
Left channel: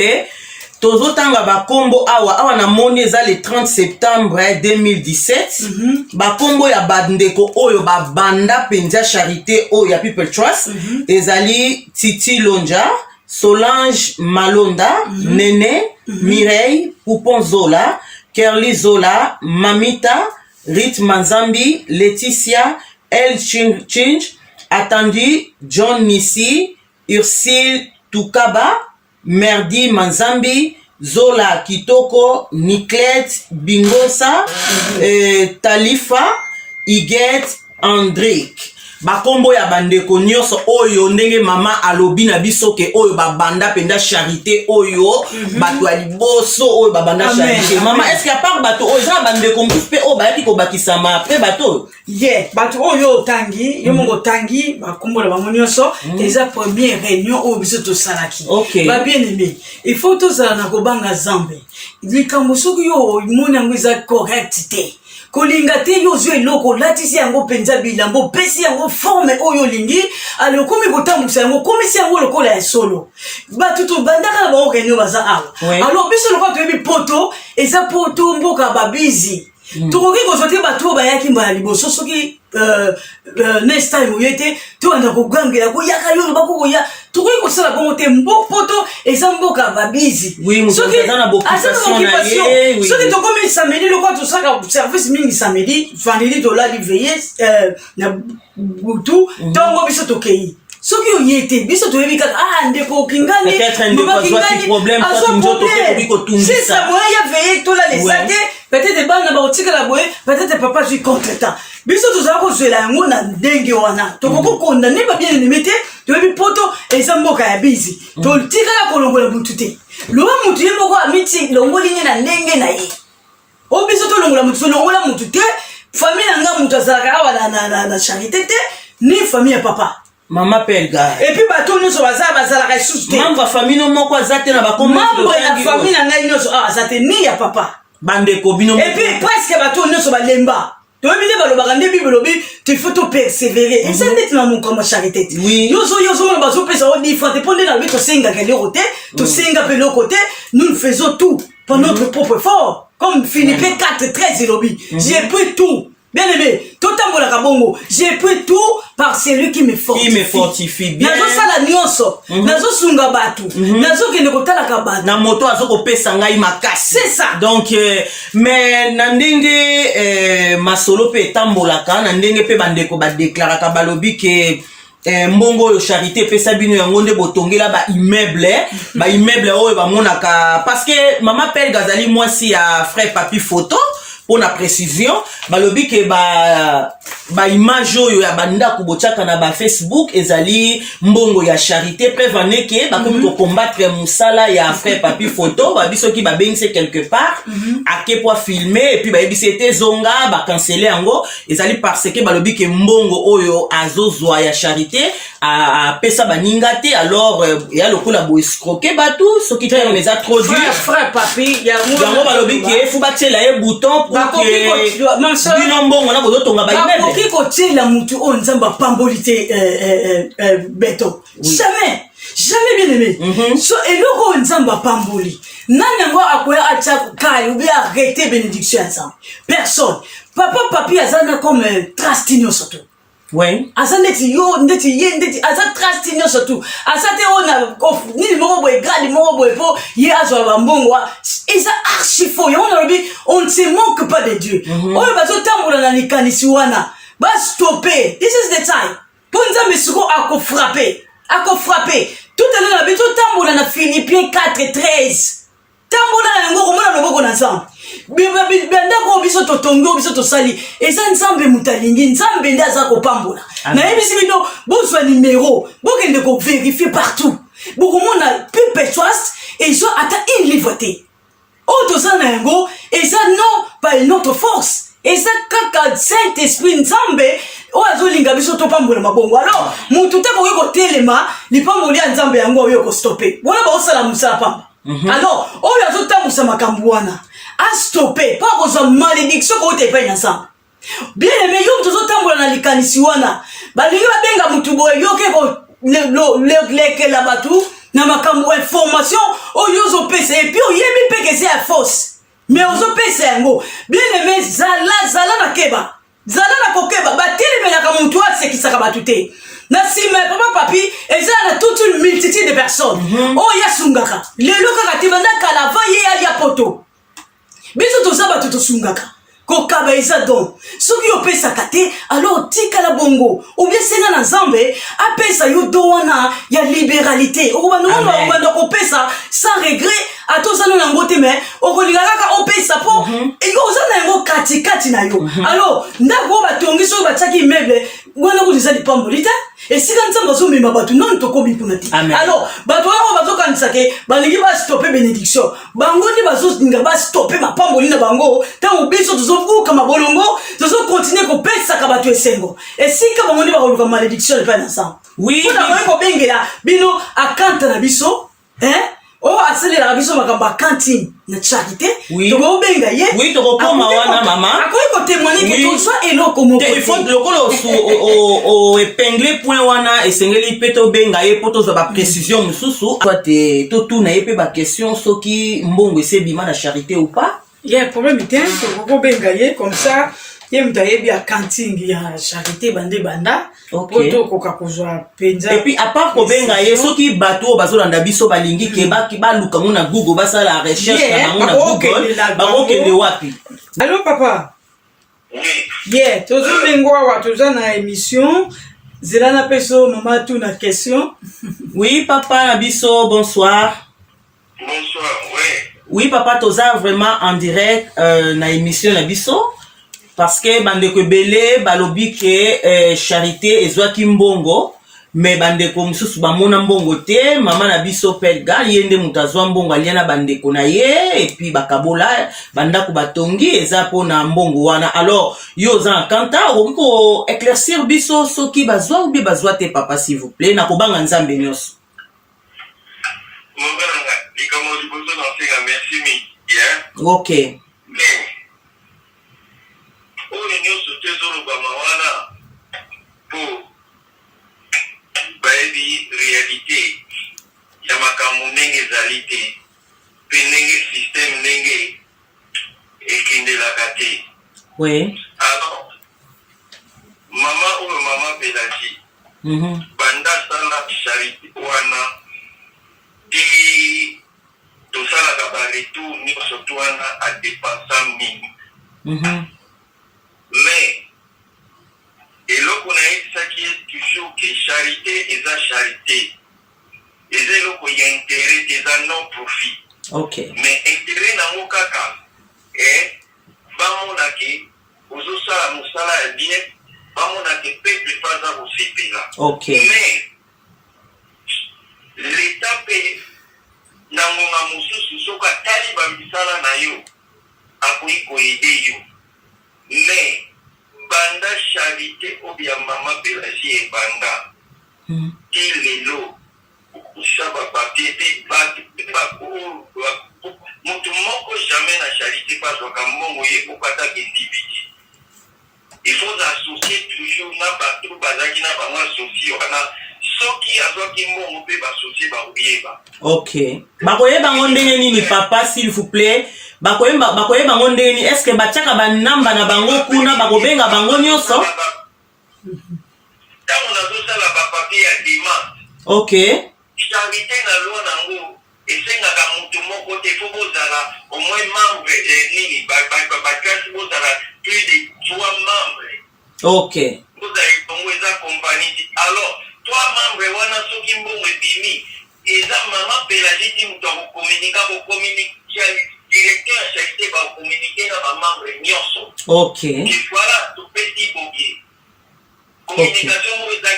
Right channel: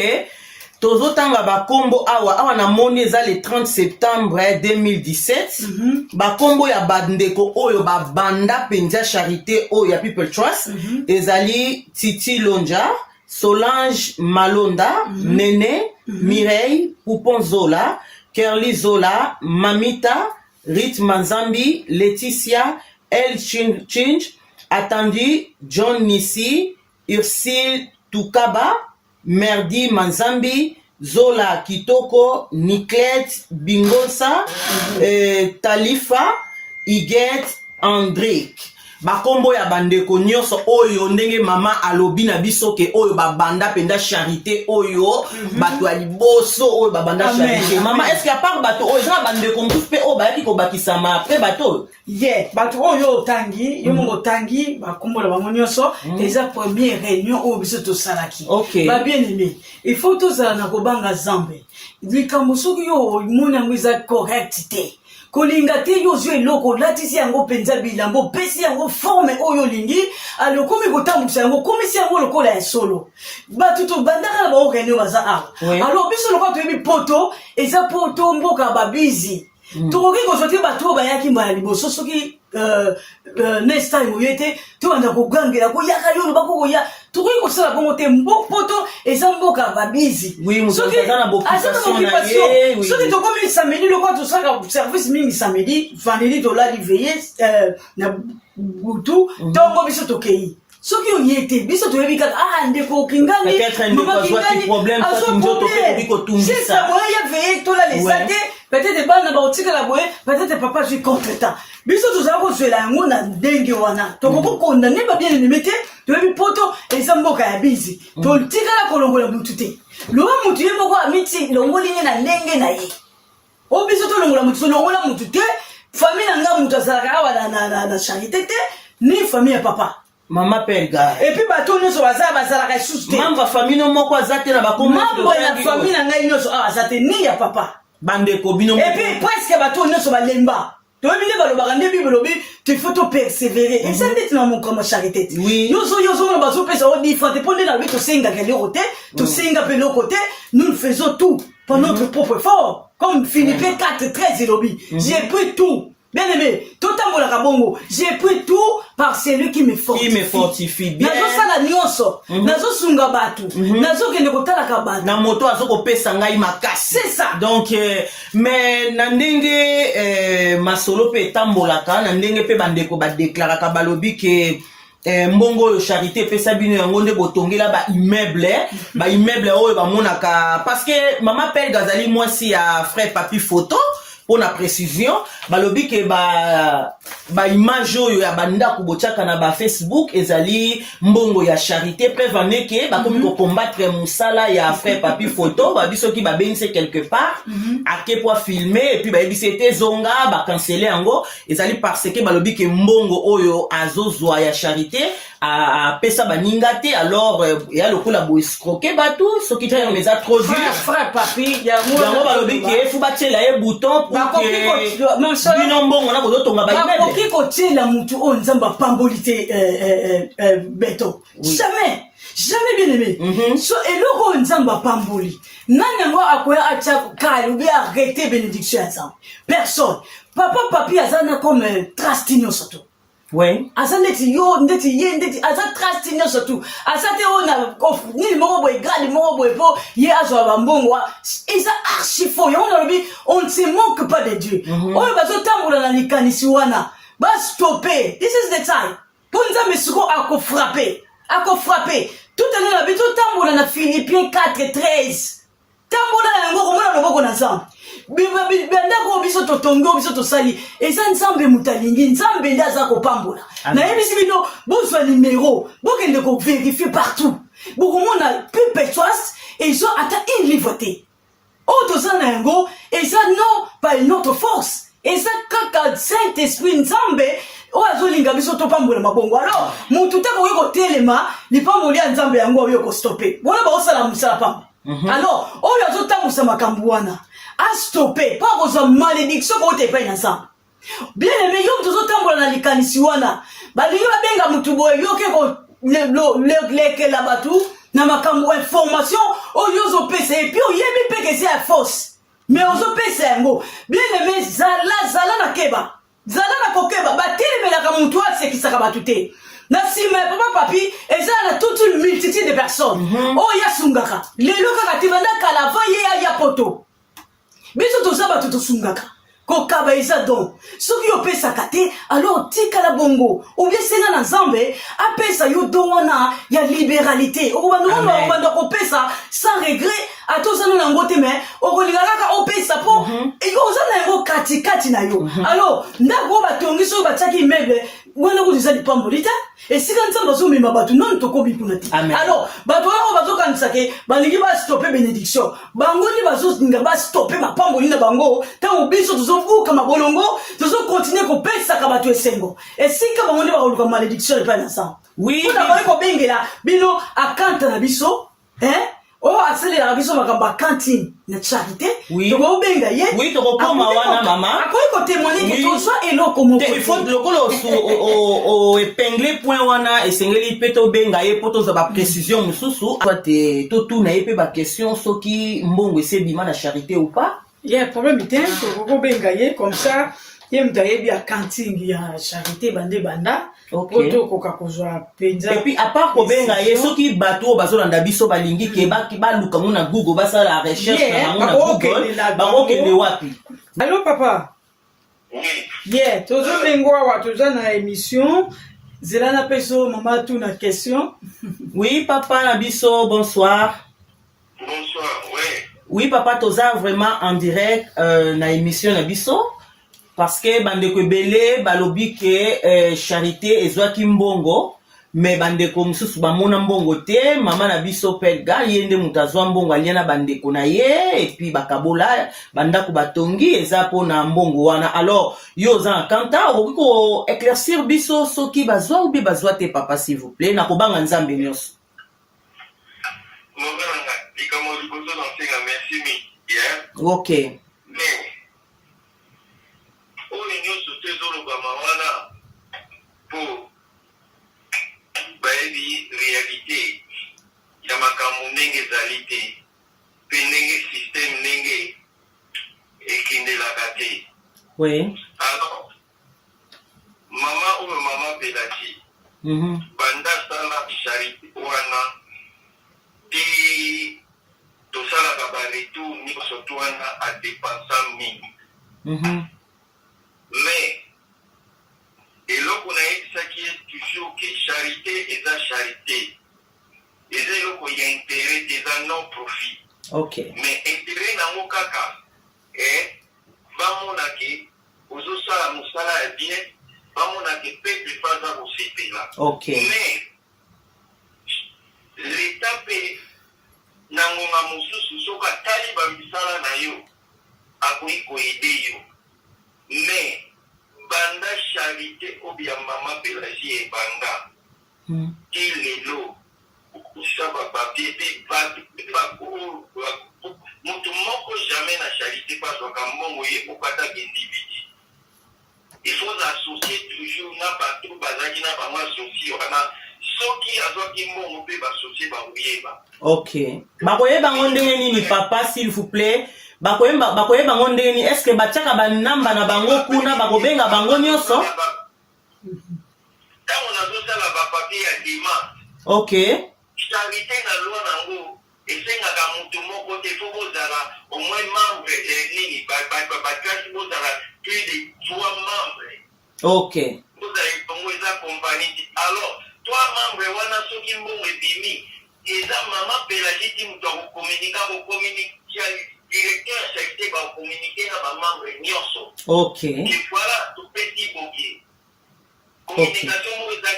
Tozotanga bakombo awa na moni eza le 30 septembre 2017 bakombo ya bandeko oyo babanda penza charité oyo ya People Trust ezali Titi Lonja, Solange Malonda, Nene, Mireille, Poupon Zola, Kerly Zola, Mamita, Rit Manzambi, Laetitia, El Chinch, Attendu, John Nissi, Ursile Tukaba, Merdi Manzambi, Zola Kitoko, Niklet Bingosa, Talifa, Iget Andrik. Bakombo ya bandeko nyonso oyo ndenge mama alobi na biso ke oyo babanda penda charité oyo bato ya liboso oyo babanda charité. Mama est-ce que à part bato oyo za bandeko mpusu pe oyo bayaki kobakisama pe bato ye bato oyo otangi yo mongo tangi bakombo na bango nyonso eza première réunion oyo biso tosalaki ba bien aimé il faut tozala na kobanga Nzambe likambo soki yo moni yango eza correct te kolinga te yo zwe eloko latisi yango penza bilambo pesi yango forme oyo lingi ali okomi kotambusa yango komisi yango lokola ya solo bato tobandaka na bango réunion baza awa alors biso lokola toyebi poto eza poto mboka babizi tokoki kozwa te bato oyo bayaki mbala liboso soki next time oye te tobanda kogangela koyaka yo loba kokoya tokoki kosala bongo te poto eza mboka babizi soki tokomi samedi lokola tosaka service mingi samedi vendredi tolali veye na butu ntongo biso tokei soki oye te biso toyebi kaka ndeko okingani c'est ça moya ya veye tolalesa te peut-être bana baotikala boye peut-être papa zwi contre-temps biso tozala kozwela yango na ndenge wana tokoko kondane babien aimé te toyebi poto eza mboka ya bizi totikala kolongola mutu te loba mutu ye moko amiti longoli nye na ndenge na ye o biso tolongola mutu tolongola mutu te famille nanga mutu azalaka awa na charité te ni famille ya papa Mama Pelga. Et puis bato nyonso bazalaka sous te. Membre famille moko azate na bakombo. Membre ya famille na ngai nyonso azate ni ya papa. Bandeko bino. Et puis presque bato nyonso balemba. To ebile balobaka nde Bible lobi tu faut te persévérer. Et ça net na mon comme charité. Oui. Yozo na bazo pesa o différent pondé na to senga ke le côté, to senga pe le côté, nous faisons tout pour notre propre effort. Comme Philippe 4:13 lobi. J'ai pris tout. Bien aimé, tout en bon kabongo, j'ai pris tout par celui qui me fortifie. Qui me fortifie bien. Nazo sala nyonso, nazo sunga batu, nazo kende kotala kabatu. Na moto azoko pesa ngai makasi. C'est ça. Donc mais na ndenge masolo pe tambolaka, na ndenge pe bandeko ba déclaraka balobi ke mbongo yo charité pesa bino yango nde botongela ba immeuble oyo ba monaka parce que mama Pelle Gazali mwasi ya frère papi photo. Pour la précision, balobi ke ba image oyo ya banda kubochaka na ba Facebook ezali mbongo ya charité pe vaneke ba komi ko combattre musala ya frère papi photo ba biso ki ba bengise quelque part ake pour filmer et puis ba ebisete zonga ba canceller yango ezali parce que balobi ke mbongo oyo azozwa ya charité apesa baninga te alors ya lokola bo escroquer bato soki te on les a trop dur frère papi yango balobi ke fu batiela ye bouton pour que bino mbongo na kozotonga baimmeuble bakoki kotiela mutu oyo nzambe apamboli te beto jamais bien aimé so eloko oyo nzambe apamboli nani yango akoya atia kali oubien arrêter bénédiction ya nzambe personne papa papi aza na comme traste nyonso to oui aza ndeti yo ndeti ye ndeti aza traste nyonso tu aza te oyo na nini moko boye grade moko boye po ye azwa bambongo eza archi faux yango nalobi on ne se moque pas de Dieu oyo bazotambola na likanisi wana bastope this is the time mpo nzambe siko akofrappe tout à l'heure nabi totambola na Philippiens 4:13 tambola na yango komona loboko na nzambe bandako biso totongi biso tosali eza nzambe mutalingi nzambe nde aza kopambola nayebisi bino bozwa numero bokende kovérifie partout bokomona perpetuas ezwa ata une livre te oyo toza na yango eza non par notre force eza kaka saint esprit nzambe oyo azolinga biso topambola mabongo alors mutu te koki kotelema lipamboli ya nzambe yango oyo kostope bona baosala mosala pamba alors oyo azotambusa makambo wana astope mpo akozwa malédiction kouta epai na nzambe bien aimé yo mutu ozotambola na likanisi wana balingi babenga mutu boye yo ke lekela bato na makambo information oyo ozopesa epuis oyebi mpeke eza ya force mais ozopesa yango bien aimé zala na keba zala na kokeba batelemelaka mutu asekisaka bato te na nsima ya papa papi eza na toute une multitude de personnes oyo yasungaka lelo kaka te banda kala va ye ya poto biso toza bato tosungaka kokaba eza don soki opesaka te alors tikala bongo oubien senga na nzambe apesa yo do wana ya libéralité okobanda kopesa sans regret ata oza nano yango te mais okolinga kaka opesa mpo oza na yango katikati na yo alors ndako oyo batongi soki batiaki immeuble wana kutu eza lipamboli te esika nzambe azomema bato nani tokomi kuna te alors bato yango bazokanisake balingi bastope bénédiction bango nde bazolinga bastope mapamboli na bango ntango biso tozobuka mabolongo tozokontinue kopesaka bato esengo esika bango nde bakoluka malédiction epai na nzambe mpona kobengela bino akanta na biso oyo asalelaka biso makambo ya kantine na charité tokobenga ye tokokoma wana mama akoki kotémoigne ke tozwa eloko moko lokola oépingle point wana esengeli mpe tobenga ye mpo tozwa baprécision mosusu te totuna ye mpe baquestion soki mbongo esebima na charité ou pas ye problème te tokokobenga ye comme ça ye mutu ayebi ya kantine ya charité bande banda po tokoka kozwa mpenza epuis apart kobenga ye soki bato oyo bazolanda biso balingi ke baluka ngo na google basala recherche na bango na google bakokende wapi allo papa ye tozobengo awa toza na émission zela na peso mama tu na question oui papa na biso bonsoir oui papa toza vraiment en direct na émission na biso parce que bandeko ebele balobi ke charité ezwaki mbongo mais bandeko mosusu bamona mbongo te mama na biso pelga ye nde moto azwa mbongo alia na bandeko na ye epuis bakabola bandako batongi eza mpona mbongo wana alors yo oza na kanta okoki koéclaircir biso soki bazwa ou bien bazwa te papa s'il vous plaît na kobanga nzambe nyonso ok oyo nyonso te ezolobama wana mpo bayebi réalité ya makambo ndenge ezali te mpe ndenge système ndenge ekendelaka te alors mama oyo mama pelagi banda asala charité wana te tosalaka baretour nyonso to wana adepensa mingi mais eloko nayebisaki ye toujours ke charité eza charité eza eloko ya intérêt te eza non profit mais intérêt nango kaka bamona ke ozosala mosala ya bien bamona ke peuple mpe aza kosepela mais leta mpe na ngonga mosusu soki atali bamisala na yo akoki koyede yo mais banda charité obia mama pelagie ebanda que lelo ushaba papier mutu moko jamais na charité pas wakambo ye kokata individu. Il faut associer toujours na bato bazaki na bango associé wana soki azoki mbongo pe basocié bakoyeba. Ok. Bakoyeba ndenge nini papa s'il vous plaît? Bakoyeba ndenge nini? Est-ce que batiaka banamba na bango kuna bakobenga bango nyonso? Tango nazosala bapapier ya demande. Ok. Charité na loi nango esengaka mutu moko te fo bozala au moins membre nini bakasi bozala plus de 3 membres. Ok. Bozala bongo eza compagnie. Alors 3 membres wana soki mbongo ebimi eza mama Pélagie ti mutu akokommunike directeur ya charité bakokommunike na bamembre nyonso. Ok. Et voilà topesi boke communication mo eza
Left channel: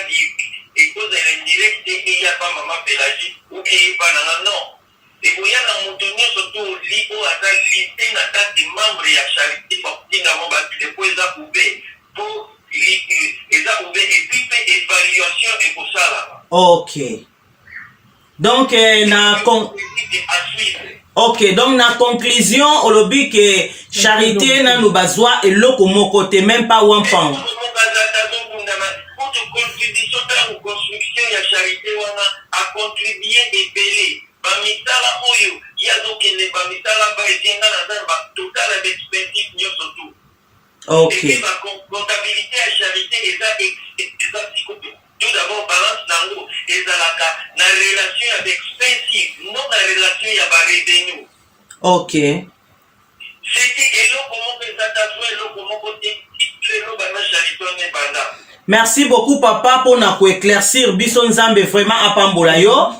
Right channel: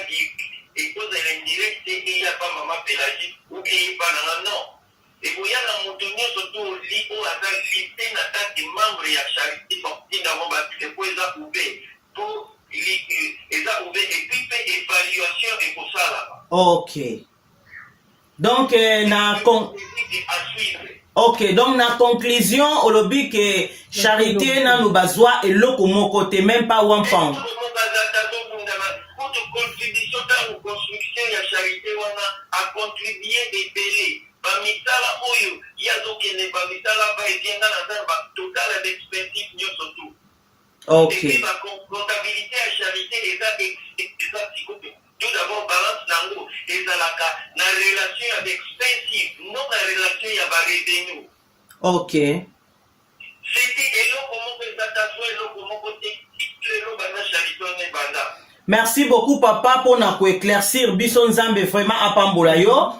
et cause elle indirect et il y a pas maman Pélagie ou bien pas non et vous y a dans mon tonnier surtout libo à ta liste na date de membre ya charité pour tinga mo ba de quoi ça pouvait pour et ça ouvert et puis fait évaluation et pour ça là. Ok. Donc Ok, donc na conclusion olobi que charité na nous bazwa et loko moko te même pas one pound. Contribution dans la construction de la charité a contribué et belé. Bamisala oyo, il y a donc une bamisala ba et dans total avec expensive nous surtout. Ok. Et puis la comptabilité à charité est tout d'abord balance nango et la relation avec expensive, non la relation il y a ba revenu. Ok. C'était elo comment les attaques elo comment côté elo ba na charité on est banda. Merci beaucoup papa pour na éclaircir biso nzambe vraiment apambola yo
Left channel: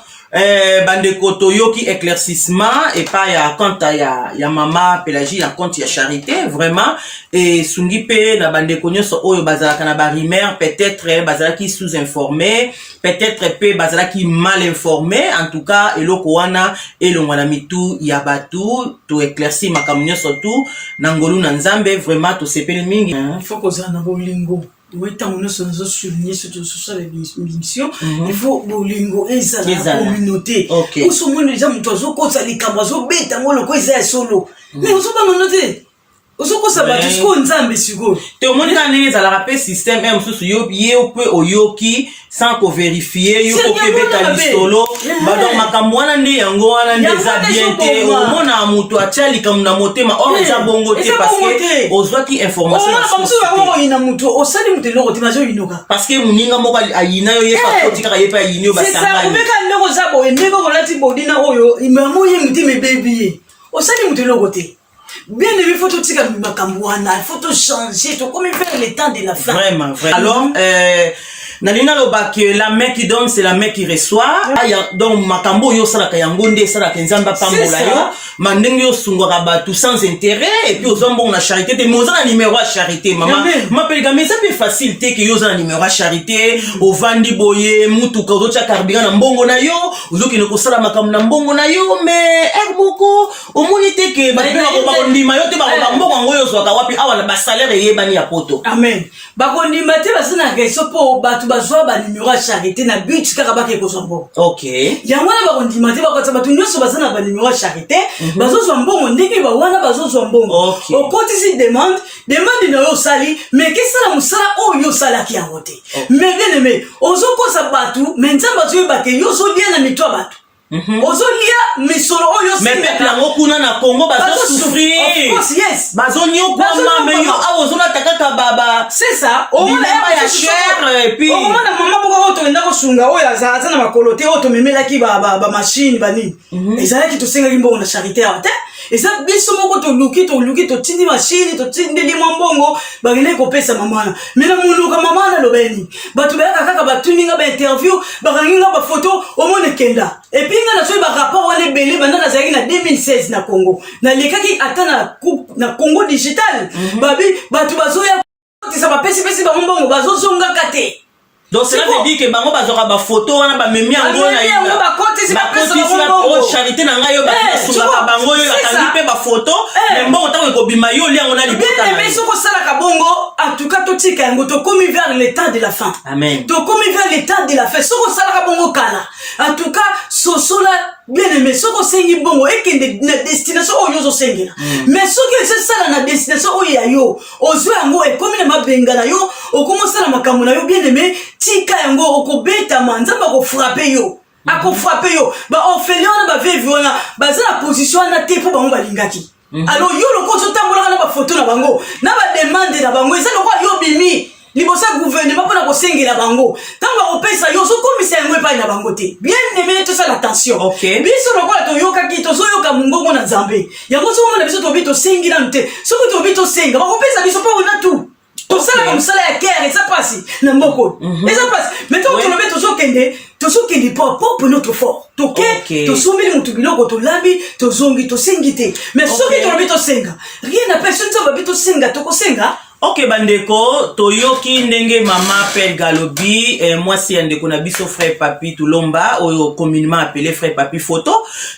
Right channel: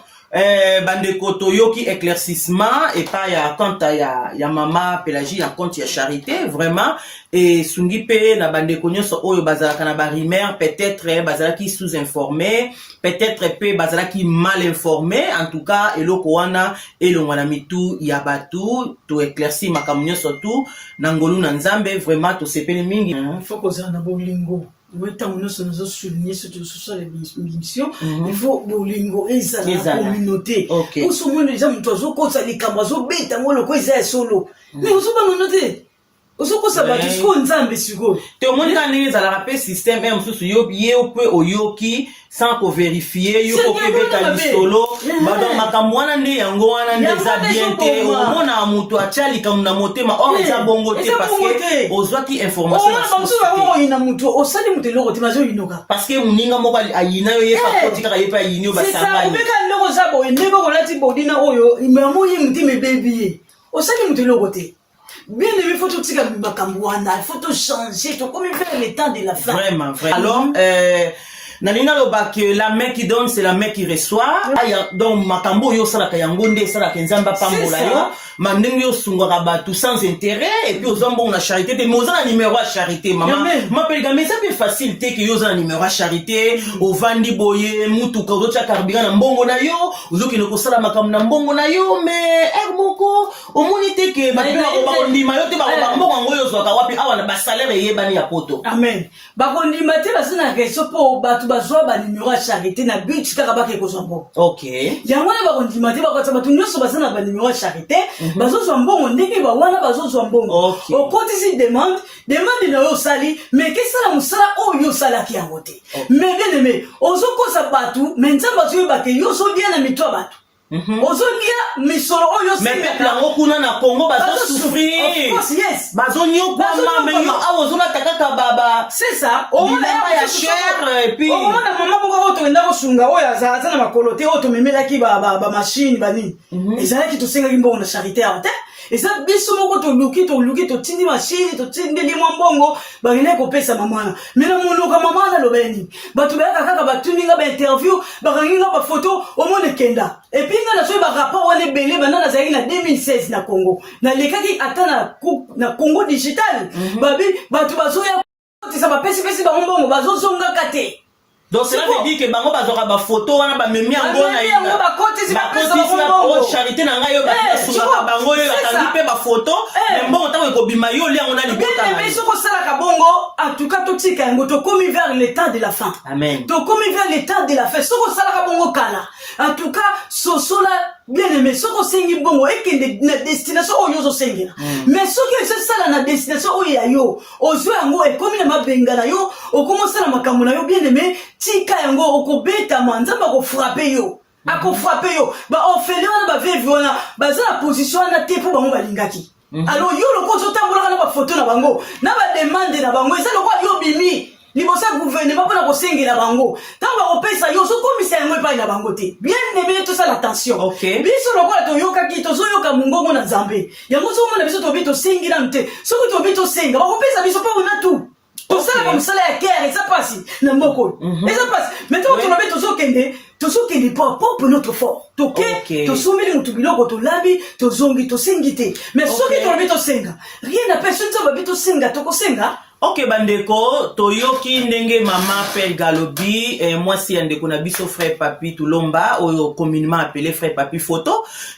bande kotoyo qui éclaircissement et pas ya compte ya mama Pélagie ya compte ya charité vraiment et sungi pe na bande konyoso oyo bazalaka na barimer peut-être bazalaki sous-informé peut-être pe bazalaki mal informé en tout cas eloko wana elongwana mitu ya batu to éclaircir makambo nyonso tu na ngolu na nzambe vraiment to sepeli mingi. Il faut qu'on na bolingo. Oui, tant que nous sommes soulignés sur les missions, il faut bolingo et ça la communauté. Okay. Où sont les gens qui sont comme ça les camarades, bêta moi le quoi c'est solo. Mais on se pas noter. Osoko sabatu siko nzambe siko. Te omoni na nini za la rappel système même sous yo pe oyoki sans ko vérifier yo ko beta listolo ba donc makambo wana nde yango wana nde za bien te omona mutu achali comme na motema or za bongo te parce que ozwaki information ina mutu osali mutu loko te bazo inoka parce que muninga moko ayina yo yepa kotika ka yepa yinyo basangani. C'est ça, omeka ndoko zabo ndeko kolati bodina oyo imamo ye mutu me baby osali mutu loko te. Bien il faut tout tirer makambuana, il faut tout changer, tout comme il fait le temps de la fin. Vraiment, vraiment. Alors, Nalina loba que la main qui donne, c'est la main qui reçoit. Donc, makambo yo sala kayangonde, sala kenzamba pambola yo. Mandenge yo sungora batu sans intérêt. Et puis, aux hommes, on a charité. Des mots, on numéro à charité, maman. M'appelle mais ça fait facilité que yo a numéro à charité. Au vandi boye, mutu kazocha carburant na mbongo na yo. Ozo ki noko sala makam na mbongo na yo. Mais, moko, au monite que, bakondi mayote, mbongo ngoyo zwaka wapi, awa na salaire ye bani ya poto. Amen. Bakondi mate basina keso po batu bazwa ba numéro à charité na but kaka bake ko zombo. OK. Ya mwana bakondi mate bakata batu nyoso basina ba numéro à charité, bazo zombo ndenge ba wana bazo zombo. O koti si demande na yo sali, mais qu'est-ce la musala o yo sala ki angote. Mais bien aimé, ozo ko sa batu, menza batu ba ke yo so dia na mitwa batu. Ozo lia misolo oyo mais peuple yango kuna na Congo bazo souffrir. Of course, yes. Bazo nyo kwa mais yo awozo la takaka baba. C'est ça. O mona ya cher et puis o mona mama boko to ndako sunga oyo azaza na makolote oyo to memela ki ba machine bani. Ezala ki to singa kimbo na charité ate. Eza biso moko to luki to tindi machine to tindi mbongo bagene ko pesa mama. Mena munuka mama na lobeni. Batu ba kaka batuninga ba interview bakanginga ba photo o mona kenda. Et puis nga na so ba rapport wana belé bana na zaki na 2016 na Congo. Na lekaki atana na Congo digital. Babi batu bazoya ça va pesi ba mbongo bazozonga kate. Donc cela veut dire que bango bazoka ba photo wana ba memi yango na ina. Ba koti si ba pesa charité na ngayo ba soka bango yo atandi pe ba photo mais bon tant que bima yo liango na libota bien mais soko sala ka bongo en tout cas to tika yango to komi vers l'état de la fin amen to komi vers l'état de la fin soko sala ka bongo kala en tout cas sosola bien aimé soko sengi bongo ekende na destination oyo zo sengela mais soki se sala na destination oyo ya yo ozo yango ekomi na mabenga na yo okomo sala makambo na yo bien aimé tika yango okobeta manzamba ko frapper yo ako frapper yo ba ofelion ba vevi wana ba za la position na te po bango balingaki alors yo loko zo tambola na ba photo na bango na ba demande na bango eza loko yo bimi libosa gouvernement pona ko sengela bango tamba opesa yo so komisa yango epai na bango te bien aimé tout ça l'attention biso loko to yoka ki to zo yoka mungongo na Nzambe yango so mona biso to bito sengila nte so ko to bito senga ba opesa biso pa ona tout to sala comme ça la guerre et ça passe na mboko et ça passe maintenant to lobe to zo kende pour notre fort toke to sombeli mutu biloko to labi to zongi to sengite mais soki to lobe to senga rien n'a personne to ba bito senga to ko senga. Ok bandeko toyoki ndenge mama Père Galobi moi si ndeko na biso frère Papi Tulomba oyo communément appelé frère Papi Photo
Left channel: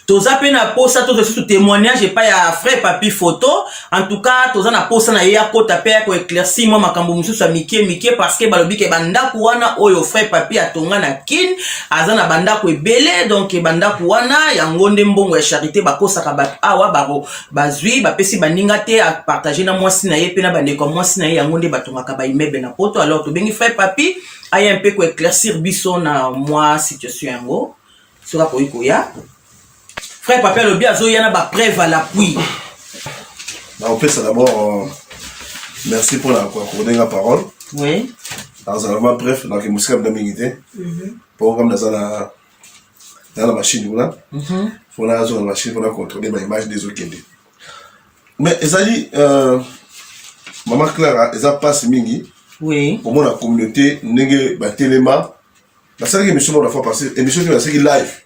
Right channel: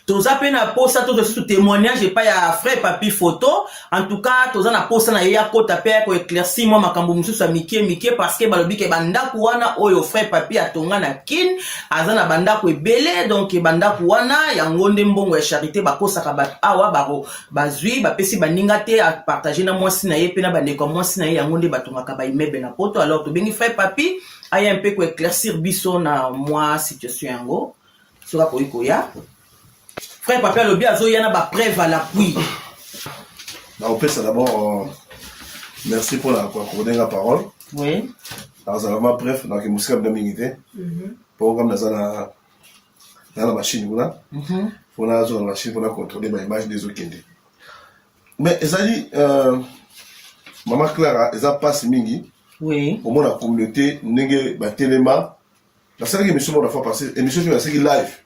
toza pe na posa to sous témoignage pas ya frère Papi Photo en tout cas toza na posa na ya kota pe ko éclaircir moi makambo mususu mike parce que balobi ke banda kuana oyo frère Papi atonga na kin azana banda ko ebele donc banda kuana yango nde mbongo ya charité bakosa ka bat awa baro bazui bapesi baninga te a partager na moi si na ye pe na bandeko moi na yango nde batongaka ba immeuble na poto alors to bengi frère Papi aya un peu ko éclaircir biso na moi situation yango sera ko ikoya frère Papi alobi azoya na ba preuve à l'appui. On fait ça d'abord merci pour accorder la parole. Oui. Alors vraiment bref donc musika de mingité pour comme dans la machine là. Faut la zone machine pour contrôler ma image des autres. Mais ezali Maman Clara, eza passe mingi. Oui. Pour la communauté, nenge batelema. La seule émission on a fait passer, émission qui est live.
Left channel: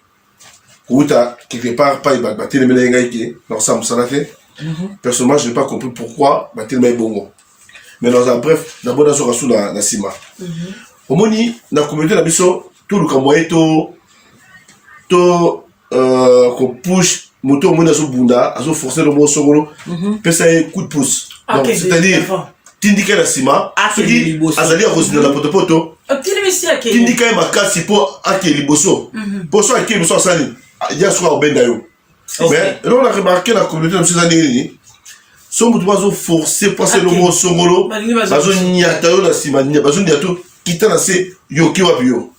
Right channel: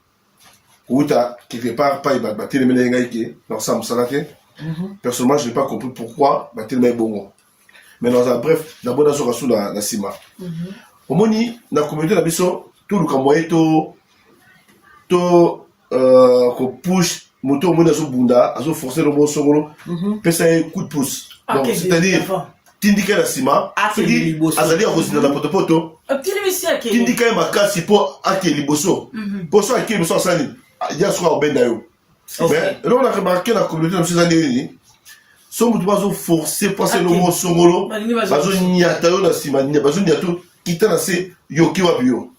Où t'as quelque part pas batelema lengaike, dans ça musalate. Personnellement, je n'ai pas compris pourquoi batelema est bon. Mais dans un bref, d'abord dans ce cas na sima. Au moni, la communauté la biso tout le kamwaye qu'on push moto mona so bunda, aso forcer le mot songolo, pesa coup de pouce. Donc, c'est-à-dire, tindika la sima, qui azali a rosé dans la poto, tindika ma kasi pour ake liboso. Pour ça, ake liboso sali, il y a soit au bendayo. Mais, là, on a remarqué la communauté de ces années, son bout de forcer passer le mot songolo, bazo niatayo la sima, bazo niato, quitte la se yoki wapio.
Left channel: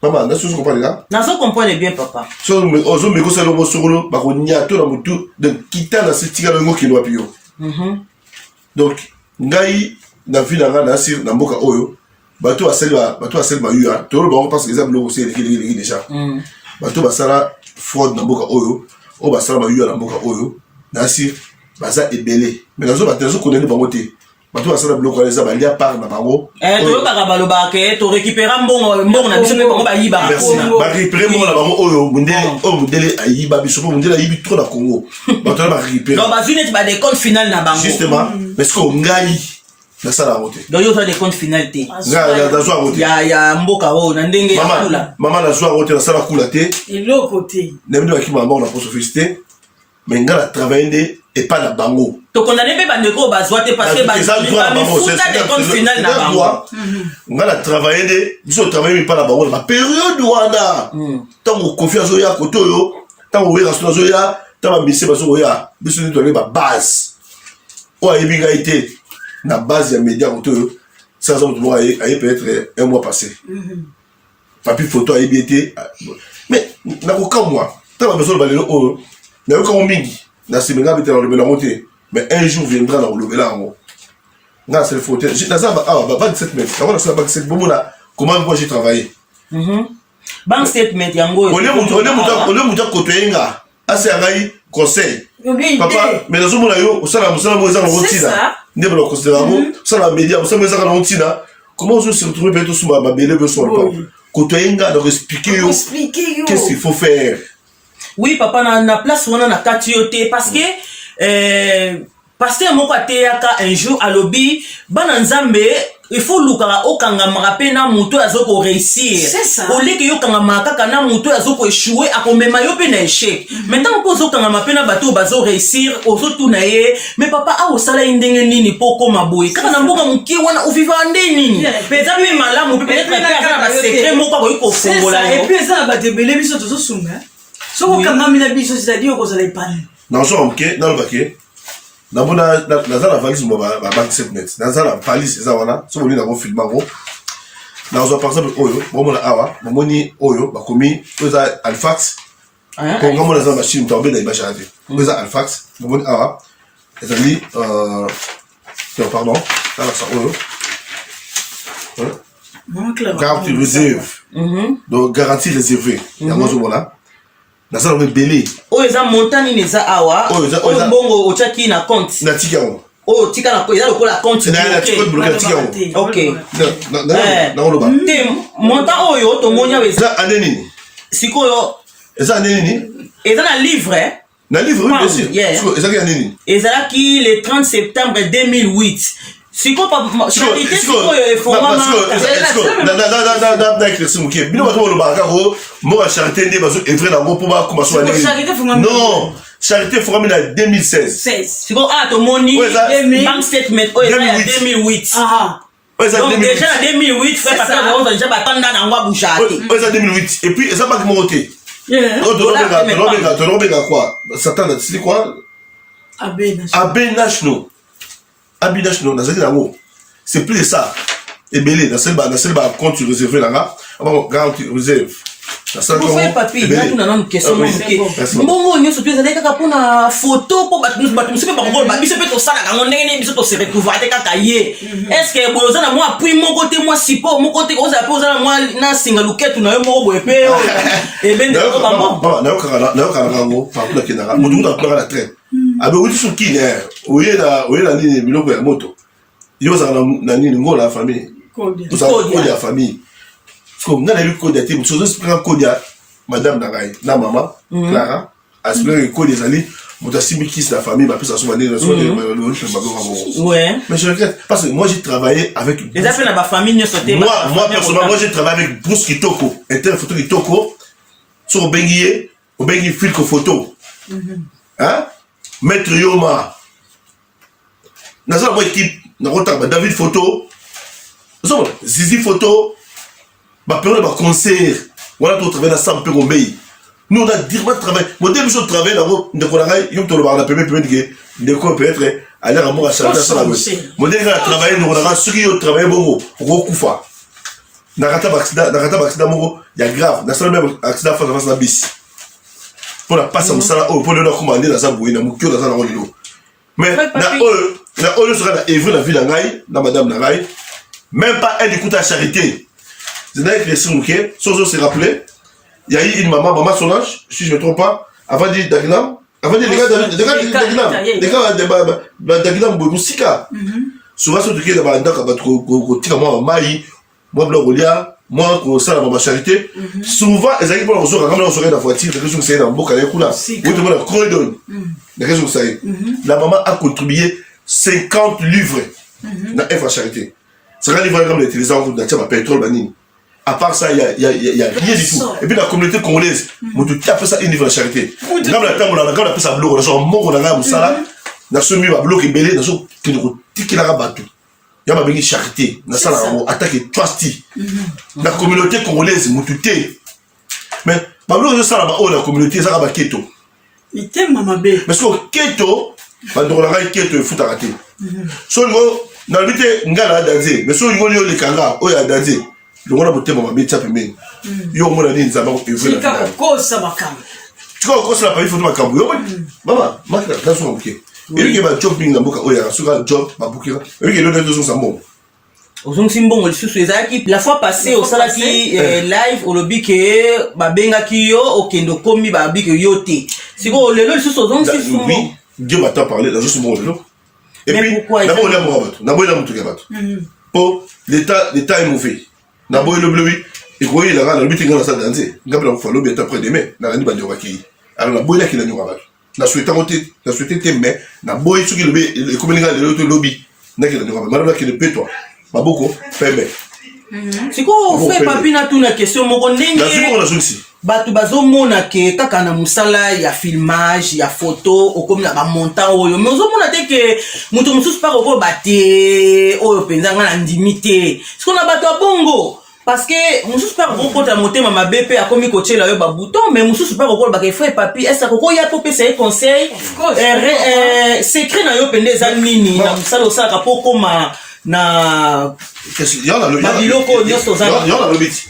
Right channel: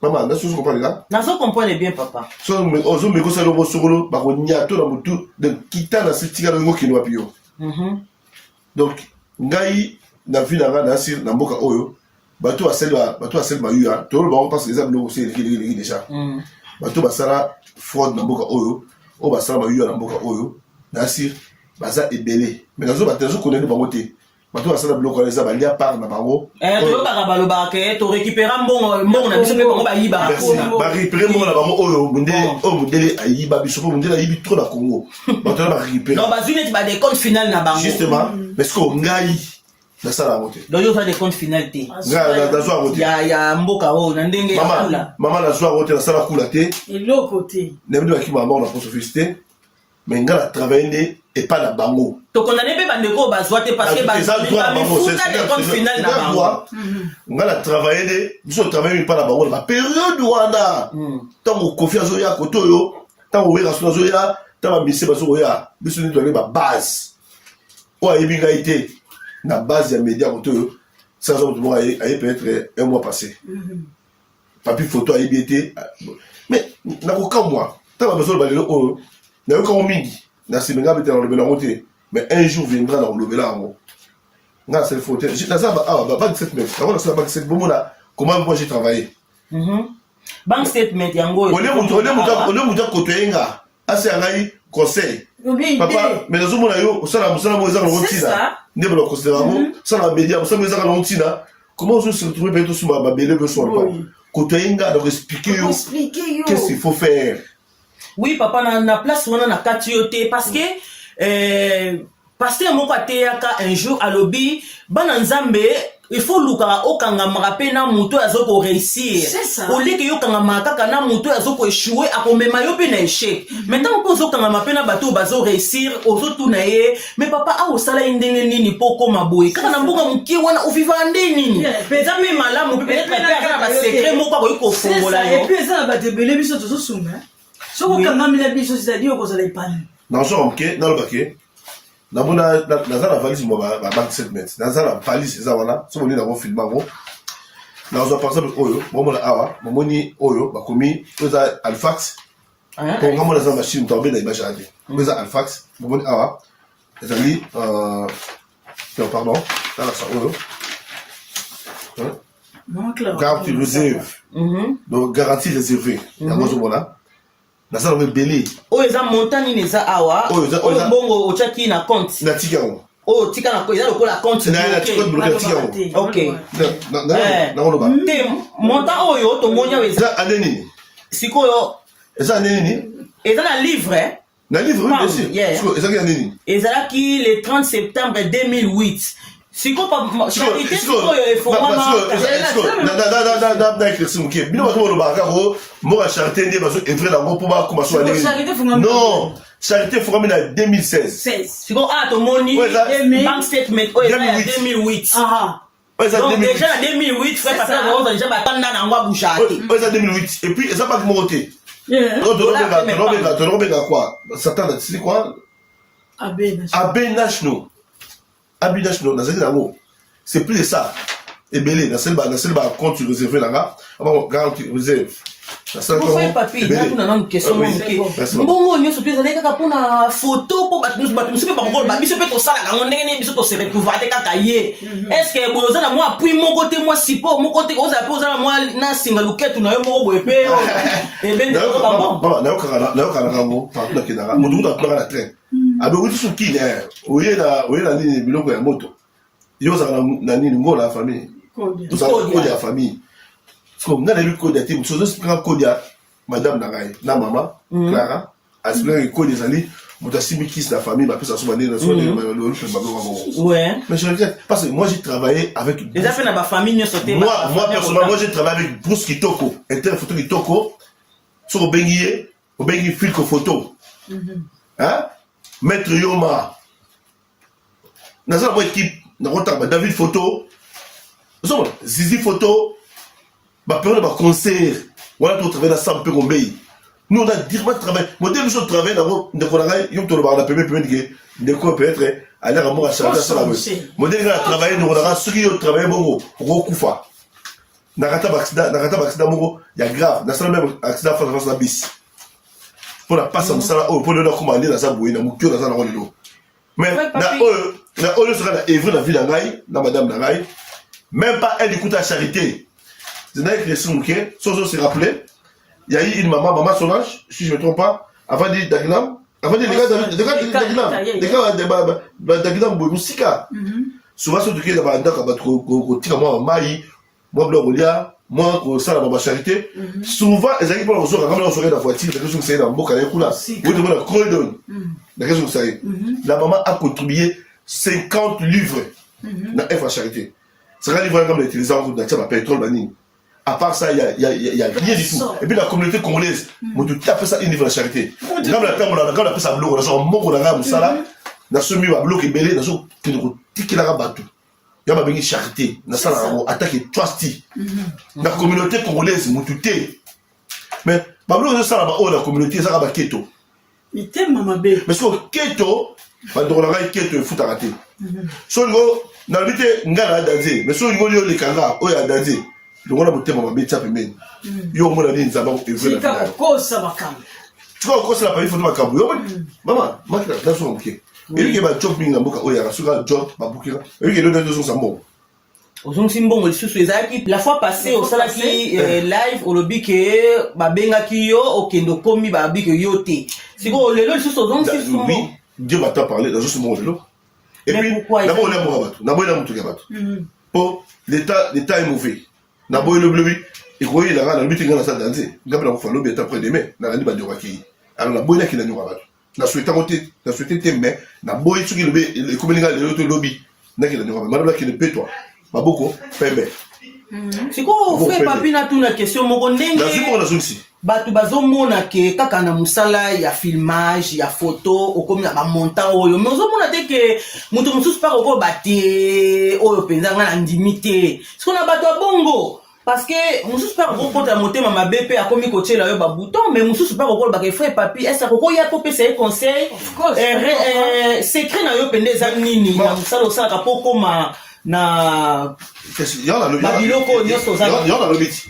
Maman, n'est-ce que vous comprenez là? Non, je comprends bien, papa. Si on me gosse le mot songolo, bazo niato la mutu, donc quitte la se tika le mot qui doit pio. Donc ngai na vina nga na sir na mboka oyo bato asali ba yuya to lo ba parce que exemple lo c'est les déjà bato basala fraude na mboka oyo o basala ba yuya na mboka oyo na sir baza ebele mais nazo batezo connaître bango te bato basala bloko les ba lia part na bango to baka baloba ke to récupérer mbongo na biso pe bango ba yiba ba récupérer mbongo na bango oyo mundele ayiba biso po mundele ayibi trop na Congo bato ba récupérer non bazune ba des comptes final na bango justement parce que ngai na sala route donc yo des comptes final te ngai na zwa route ya mboka o na ndenge ya kula mama na zwa route na sala kula te et l'autre côté nemdoaki mama na pour sophistiquer mais ngai na travailler et pas la bango to condamner pe bandeko bazwa te parce que bazwa des comptes final na bango ngai na travailler biso travailler pas la bango la période wana tant confiance ya koto yo tant we raso zo ya tant ba mise baso ya biso ni to ba base o ayebi ngai te na base ya média koto yo ça ça doit aller peut-être un mois passé Papi Photo ayebi été mais na ko ka moi tant ba besoin ba lelo o na ko mingi na simenga bete na lebela ngote mais un jour viendra na lebela ngo na c'est photo na ça ba 27 mètres avant ça ba 27 bon na comment moi j'ai travaillé bank statement yango ole muto koto yenga ase ngai conseil papa mais na zomo na yo osala musala mo ezaka rotina ndebe lo considérer ngo osala média osala ezaka na rotina comment on se retrouve bientôt sur ma belle be sur le koto yenga de expliquer yo qu'est-ce qu'il faut faire. Oui papa na place wana na kati yo te parce que pasteur moko ateyaka un jour alobi bana nzambe il faut lukaka okangamaka mpe na moto azoko réussir oleke yo kangamaka kaka na moto azoko échouer akomema yo mpe na échec maintenant mpo ozokangama mpe na bato bazo réussir ozotuna ye mais papa aosala ye ndenge nini mpo okoma boye kaka na mboka mokie wana oviva nde nini eza mpe malamu mpe peut-être mpe aza na basekret moko akoki kofongola yo epuis eza na bato ebele biso tozosunga soki okangami na biso c'est-à-dire okozala epane nazo moke nalobake naza na valise mo ba 27 mètres naza na valise eza wana so boni nango filme yango nazwa par exemple oyo bomona awa bomoni oyo bakomi oyo eza alfax konga mona eza machine to abenda ibasha te oyo eza alfax bomoni awa ezali pardon ala sa oyo garantie réserve donc garantie réservée yango ozomona naza nango ebele oyo eza montant nini eza awa oyo mbongo otiaki na compte natiki yango oyo tika na eza lokola compte natiki yango ok nakoloba te montant oyo tomoni awa eza ane nini sikoyo eza ane nini eza na livre na livre oui bien sûr ezalaki ane nini ezalaki le 30 septembre 2008 sikoyo charité sikoyo efongwama éclairci moke bino bato bolobaka kako mboka charité nde bazo evre nango mpo bakoma so non charité efongwami na 2016 sikoyo awa tomoni bank statement oyo eza ya 2008 donc déjà na 2008 frère papa baoza déjà batanda nango abusha te oyo eza 2008 et puis eza banke moko te tonobenga quoi satan sili quoi AB national nazali nango c'est plus de ça ebele nasali ba compte réservé nanga garantie réserve ofoye papier natuna nanu question moke mbongo nyonso to ezalaki kaka mpona photo mpo bato mosusu mpe bakokoloba biso mpe tosalaka yango ndenge nini biso tose recouvre te kaka ye estce boye oza na mwa appui moko te mwa support moko te ozala mpe oza na mwa nasinga luketu na yo moko boye mpe nayokaka nango partout nakendaka moto kuta atunaka na train abe outi so kini oye na nini biloko ya moto yo ozalaka na nini ngola ya famille ozalaka kode ya famille nga nayebi kode ya te moto ozoexplika kode ya madame na ngai na mama Clara aexplika kode ezali moto asimbi kisi na famille bapesa so banini mais je regrette parce que moi j'ai travaillé avec moi personnellement moi j'ai travaillé avec Bruce Kitoko interne photo Kitoko so obengi filtre photo Maître Yoma naza mo équipe nakotaka David photo Zizi photo période de concert voilà tout travail dans ça peu gombei nous on a directement travaillé mon début de travail dans de konagai yo to le premier que de quoi peut-être aller à moi à charger ça mon début de travail nous on a sur yo travail bongo rokufa nakata accident moko ya grave na salle même accident face na bis pour la passer au sala pour le commander dans sa bouée na mukio dans sa ngolilo mais na oyo sera la evre la ville ngai na madame ngai même pas elle écoute à charité. C'est d'ailleurs que les Simoukés, Sozo s'est rappelé, il y a eu une maman Solange, si je ne me trompe pas, avant de dire Dagnam, avant de dire les gars Dagnam Bousika. Souvent, ce qui est dans le maï, moi, moi, pour ça, la charité, souvent, les amis, on se regarde dans la voiture, les gens qui sont dans le boc à l'écoute, oui, tout le monde a corridor. Les gens qui sont la maman a contribué 50 livres dans la charité. C'est un livre comme les téléviseurs, on a pétrole, banine. À part ça, il y a rien du tout. Et puis la communauté congolaise, on a fait ça une livre de charité. Quand on a fait ça bloc, on a mon on a ça, on a soumis à bloc et belé, on a qui nous tiki la rabattu. Il y a ma charité, on a ça là, on attaque trusty. La communauté congolaise, on tuté. Mais Pablo on a ça là-bas, la communauté ça là-bas keto. Mais t'aimes maman bé. Parce que keto, on a keto fout à rater. So ngo na bité ngala daze, mais so ngo le kanga, o ya daze. Le monde a voté mon ami Tchapé Men. Yo mon ami Nzaba Evre. Tu as encore ça bakam. Tu as encore ça pas il faut ma kambu. Maman, ma la so ok. Et il y a job binga mboka oya sur job ba bukira. Et il y a le deux sambo. Ozong simbongo lisusu ezaki la fois passée au salaki live au lobby que ba benga ki yo okendo komi ba bi que yo te. Siko lelo lisusu ozong sisu. Oui, Dieu m'a parlé dans ce moment là. Et puis d'abord on a mon bateau. D'abord il a mon truc bateau. Pour l'état est mauvais. D'abord le bleu et quoi il a la but dans sa danser. Ngabela ko falo beta après demain na ni bandi okaki. Alors la boina ki na nyoka bato. na souhaité te mais na boy soki lobi e komelinga le to lobby na ki na nyoka mais na ki ne peut toi ba beaucoup pembe siko frère papi na tuna question moko ndenge na siko na zonsi bato bazomona ke kaka na musala ya filmage ya photo okomi na bamontant oyo mais ozomona te ke moto mosusu mpaka okoyo bate oyo mpenza nga na ndimi te siko na bato ya bongo parce que mosusu mpaka kokota motema mabe mpe akomi kotiela yo babouton mais mosusu mpaka okoloba frère papi ese akokoya po pesa ye conseil secret na yo pende eza nini na mosala osalaka po okoma na babiloko nyonso ozana lobiti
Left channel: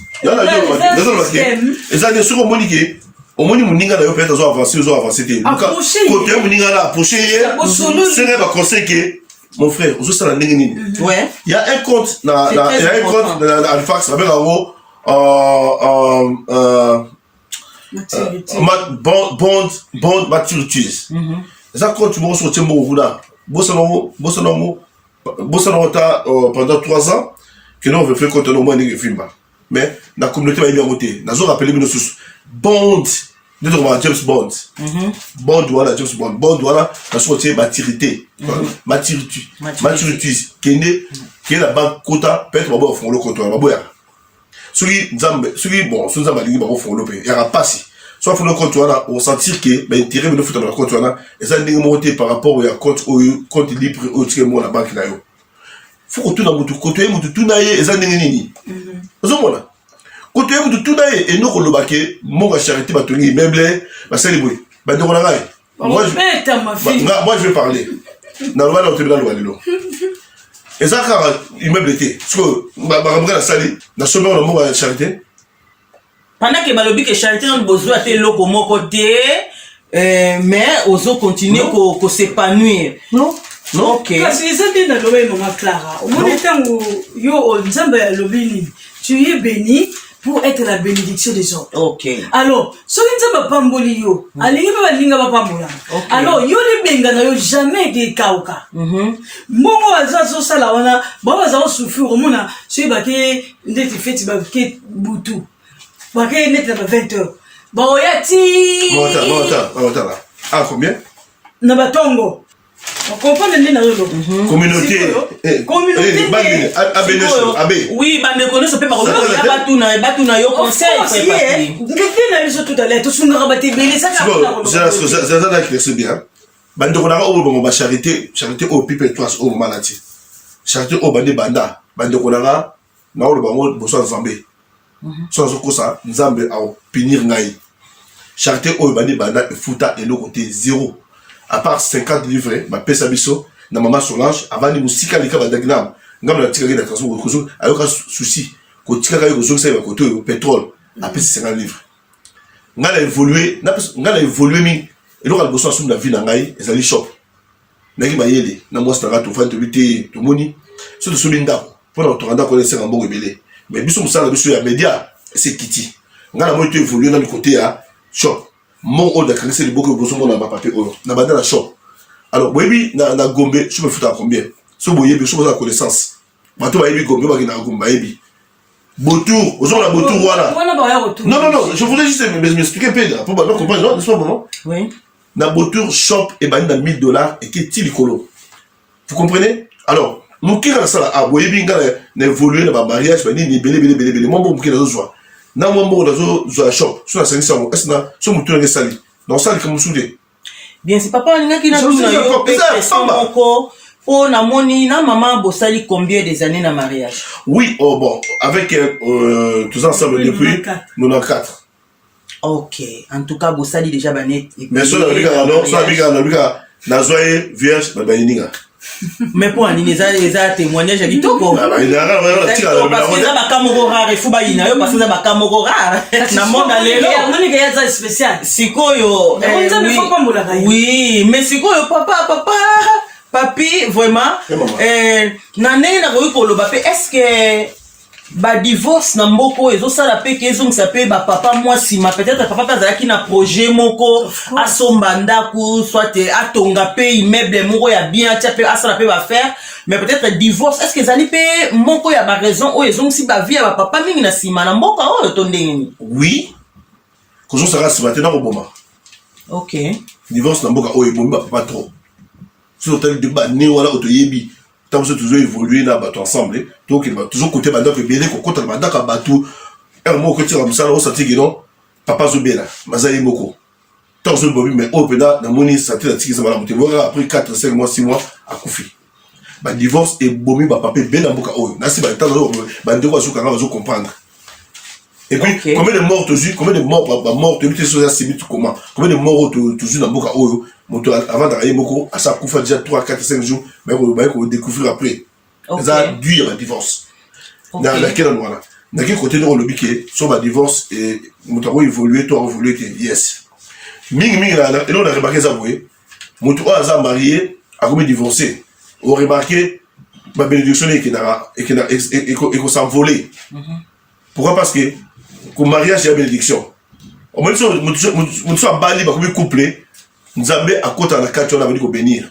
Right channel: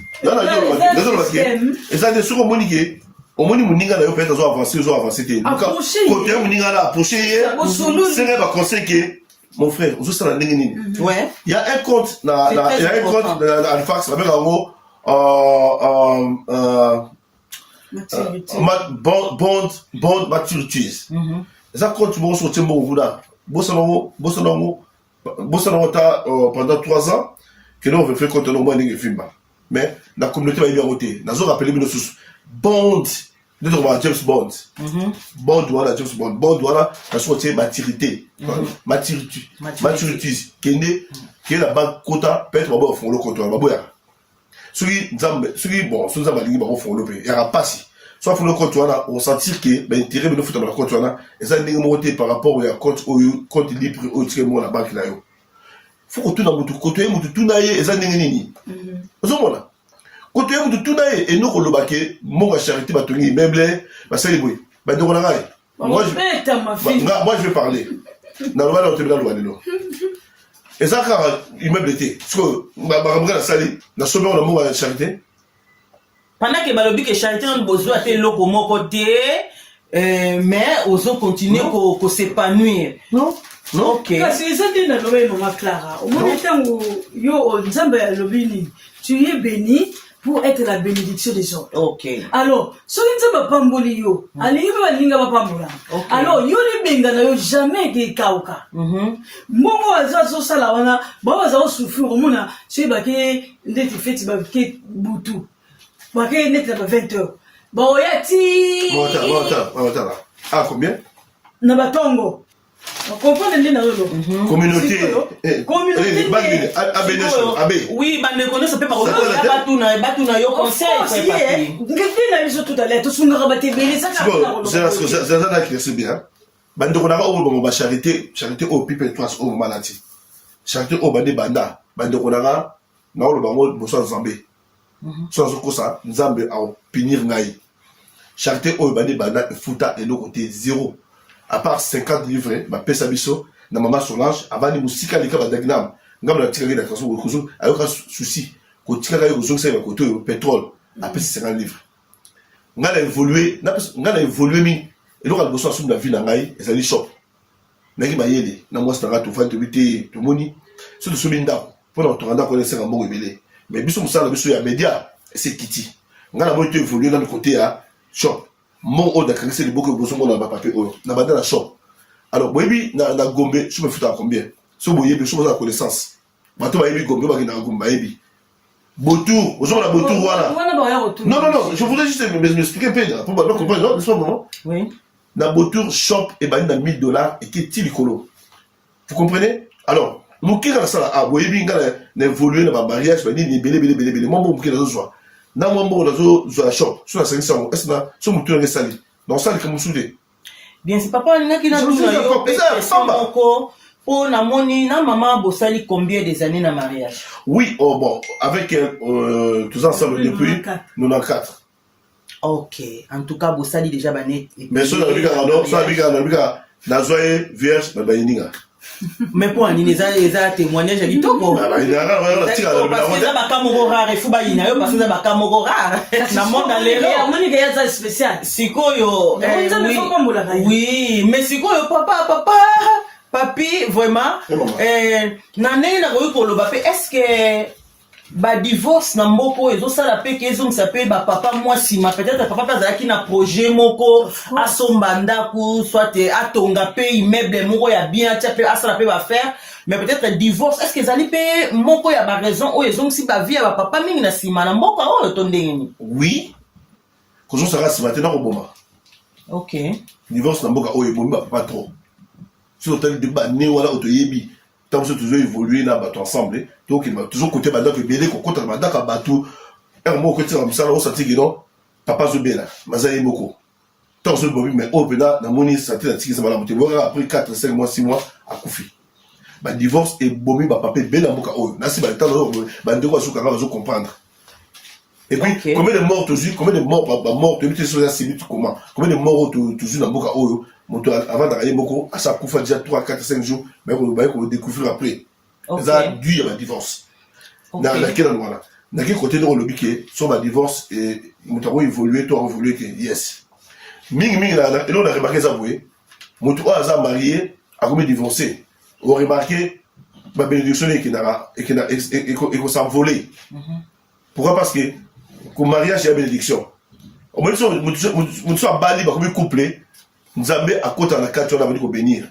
eza nde soki omoni ke omoni moninga na yo peut-être ozo avance te kote ya moninga na approche ye soki baconseil ke mon frère ozosala ndenge nini il y a un compte na Halifax babeka yango bond maturities eza compte moko soki otie mbongo kuna bosana yango ta pendant 3 ans que nous on veut faire compte au moins ndenge filma mais la communauté va y bien voter nazo rappeler bino sous bond de droit James Bond bond voilà James Bond voilà na sortie maturité maturité kende qui la banque quota peut-être ba fond le compte ba boya celui nzambe celui bon sous nzambe lingi ba fond le pe ya passi soit fond le compte voilà on sentir que ben intérêt bino futa na compte voilà et ça ndenge monter par rapport au compte libre au tiers la banque na yo faut que tout na mutu côté mutu tout na ye eza ndenge nini ozomona côté mutu tout na ye et non kolobake monga charité batongi meuble basali boy ba ndoko na ngai moi je vais parler na loi na tribunal loi lelo eza ka immeuble te parce que ba na sali na sommet na monga charité pendant que balobi que charité on besoin te loko moko te mais ozo continuer ko s'épanouir non ok kasi eza nde naloba enonga Clara omoni ntango yo nzambe alobi nini tu es béni pour être la bénédiction des autres. Ok. Alors soki nzambe apamboli yo alingi mpe balinga bapambola alors yo libenga na yo jamais de kauka mbongo baza azosala wana bao baza kosouffrir omona soki bake ndeti feti bake butu bake neti na ba 20 heures baoya ti ah combien na batongo comprendre nini nazo communauté oui bande connaissent pas ya batuna yo conseil ngeke na biso tout à l'heure tosungaka batebele ça c'est bien bande konaka o bongo ba charité au pipe toi au malati charité au bande banda bande konaka na o bongo boso nzambe so zo kosa nzambe a punir ngai charité au bande banda futa et le côté 0 à part 50 livres ma pesa biso na maman Solange avant ni musika lika badagnam ngam na tika na kaso ko ayoka souci ko tika ka ko zo ba koto pétrole a pesa 50 livres ngala évoluer mi eloko al boso asum na vie na ngai ezali shop na ki bayele na mwasa na to fa to bité to moni so to soli ndako pour to randa ko laisser en bon ebele mais biso musala biso ya média c'est kiti ngala mo to évoluer na côté ya shop mon haut de créer les beaucoup besoin dans ma papier na banda la shop alors boyebi na gombe je me foutre à combien so boyebi so la connaissance bato bayebi gombe ba na gombe bayebi Botour aux gens la Botour voilà non je voulais juste m'expliquer un peu pour pas comprendre non n'est-ce pas bon oui na Botour shop et bani na $1000 et qui est tilicolo vous comprenez alors mon qui a ça à boyebi ngala na évoluer na mariage ba ni belé mon bon qui na zo na mambo nazo zo shop so na service ngo esna so mutu na sali na sali comme soudé bien c'est papa ninga kina tuna yo peko po na moni na maman bosali combien des années na mariage oui oh bon avec tous ensemble depuis 94 ok en tout cas bosali déjà banet mais so na bika non so na bika na zoye vierge ba baninga mais pour un eza témoignage à kitoko parce que ça ba kamoko rare fu ba ina yo parce que ça ba kamoko rare na mona lelo moni que yaza spécial sikoyo oui mais sikoyo papa papi vraiment na ndenge na koyi koloba pe est-ce que ba divorce na mboko ezosala pe ke ezongisa pe bapapa mwasi ma peut-être papa azalaki na projet moko asomba ndako soit atonga pe immeuble moko ya bien atia pe asala pe bafaire mais peut-être divorce est-ce que ezali pe moko ya baraison oyo ezongisi bavie ya bapapa mingi na nsima na mboka oyo to ndenge nini oui kozosala nsima te na koboma Ok. Divorce na mboka oyo bomba papa trop. Si on t'a dit bah ni wala otoyebi. Tant que toujours évoluer na bato ensemble. Donc il va toujours côté banda que bien ko kota banda ka bato. Un mot que tu as ça on sentit que non papa zo bien là. Mazali moko. Tant que bobi mais au pena na moni sentit la tiki ça mala moté. Après 4 5 mois 6 mois à koufi. Bah divorce et bomi ba papa bien na mboka oyo. Na si ba tant ba ndeko azuka nga bazo comprendre. Et puis, okay. Combien de morts tu combien de morts, tu es sur la cimetière, comment? Combien de morts tu dans Boka Oyo, avant d'arriver Moko, à sa coufa déjà 3, 4, 5 jours, mais on va découvrir après. Ça a dû à la divorce. Dans laquelle on a. Dans quel côté on le biquet, sur la divorce, et nous avons évolué, toi, évolué, yes. Ming, et là, on a remarqué ça, oui. Mon tour à marié, à combien divorcé. On a remarqué, ma bénédiction et qu'on s'en volé. Pourquoi? Parce que, pour mariage, il y a bénédiction. Au moins, nous sommes bali, comme couple, nous avons à côté de la carte, on a venu bénir.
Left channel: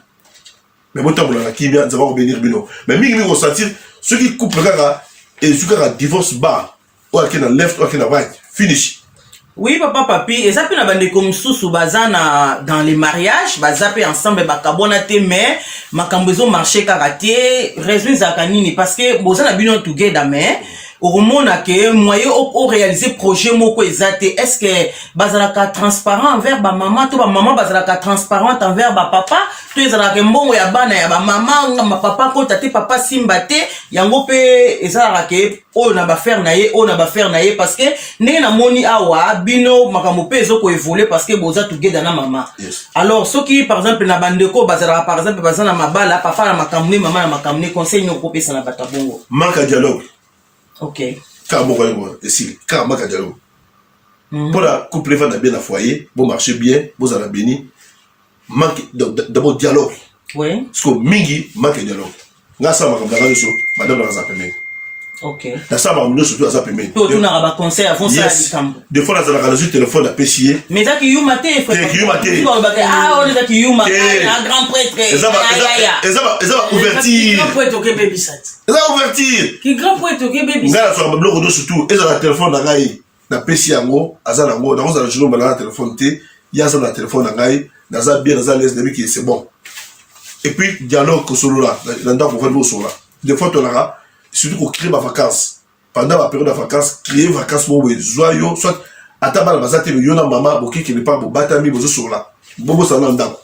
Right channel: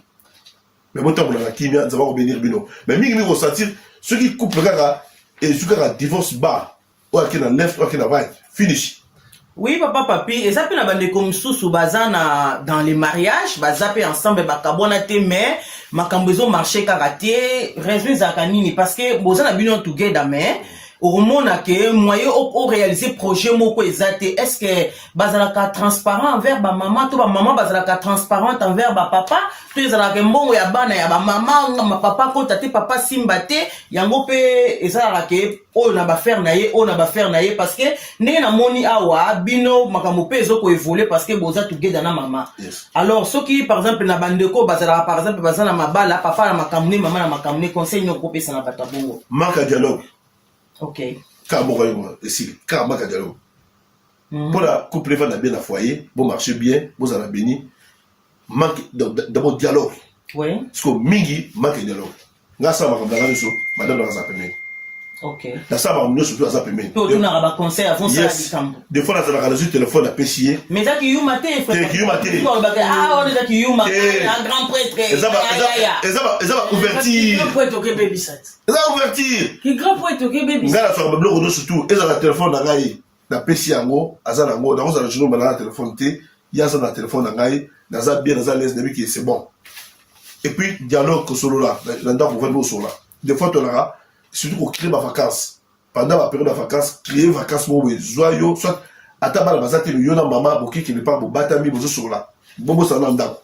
Mais moi, tant que la kimia, nous avons bénir bino. Mais nous ressentir, ceux qui couplent, et ceux qui ont divorce bas, ou qui ont left, ou qui ont right, finish. Oui, papa, papi, et ça peut être comme sous bazana dans les mariages, bazape ensemble, bakabonate, mais makambezo marché karaté, raison zakanini, parce que bozana bino together, mais au moment que moyen au réaliser projet moko ezate, est-ce que bazalaka transparent envers ba maman, to ba maman bazalaka transparente envers ba papa, to ezalaka mbongo ya bana ya ba maman, ma papa ko tate papa simbate, yango pe ezalaka ke o na ba faire na ye, o na ba faire na ye, parce que ne na moni awa bino makambo pe ezoko évoluer parce que boza together na maman. Yes. Alors ceux qui par exemple na bandeko bazalaka par exemple bazana mabala papa na makamne maman na makamne conseil nyoko pesa na bata bongo. Manque de dialogue. Ok. Car moi, ici, car manque de dialogue. Pour la couple va bien à foyer, bon marcher bien, vous allez béni. Manque d'abord dialogue. Oui. Parce que mingi manque de dialogue. Là ça m'a comme madame dans la zapemé. Ok. Là ça m'a surtout à zapemé. Tout le monde a conseil avant ça. Des fois dans la radio téléphone à pêcher. Mais ça qui you maté frère. Qui you maté. Ah on est là qui you maté. Un grand prêtre. Et ça va ouvertir. Grand prêtre OK baby sat. Ça va ouvertir. Qui grand prêtre OK baby sat. Là sur le blog surtout et dans le téléphone dans gaï. Na pêcher yango, azala yango, dans le journal dans le téléphone té, il y a ça dans le téléphone dans gaï, dans un bien dans un l'aise de qui c'est bon. Et puis dialogue que solo là, l'endroit pour faire solo là. Des fois tu l'auras, surtout pour créer ma vacances. Pendant la période de vacances, créer vacances pour joyeux, soit à table bazate le yona maman boki qui n'est pas bo batami bozo solo là. Bobo ça n'anda.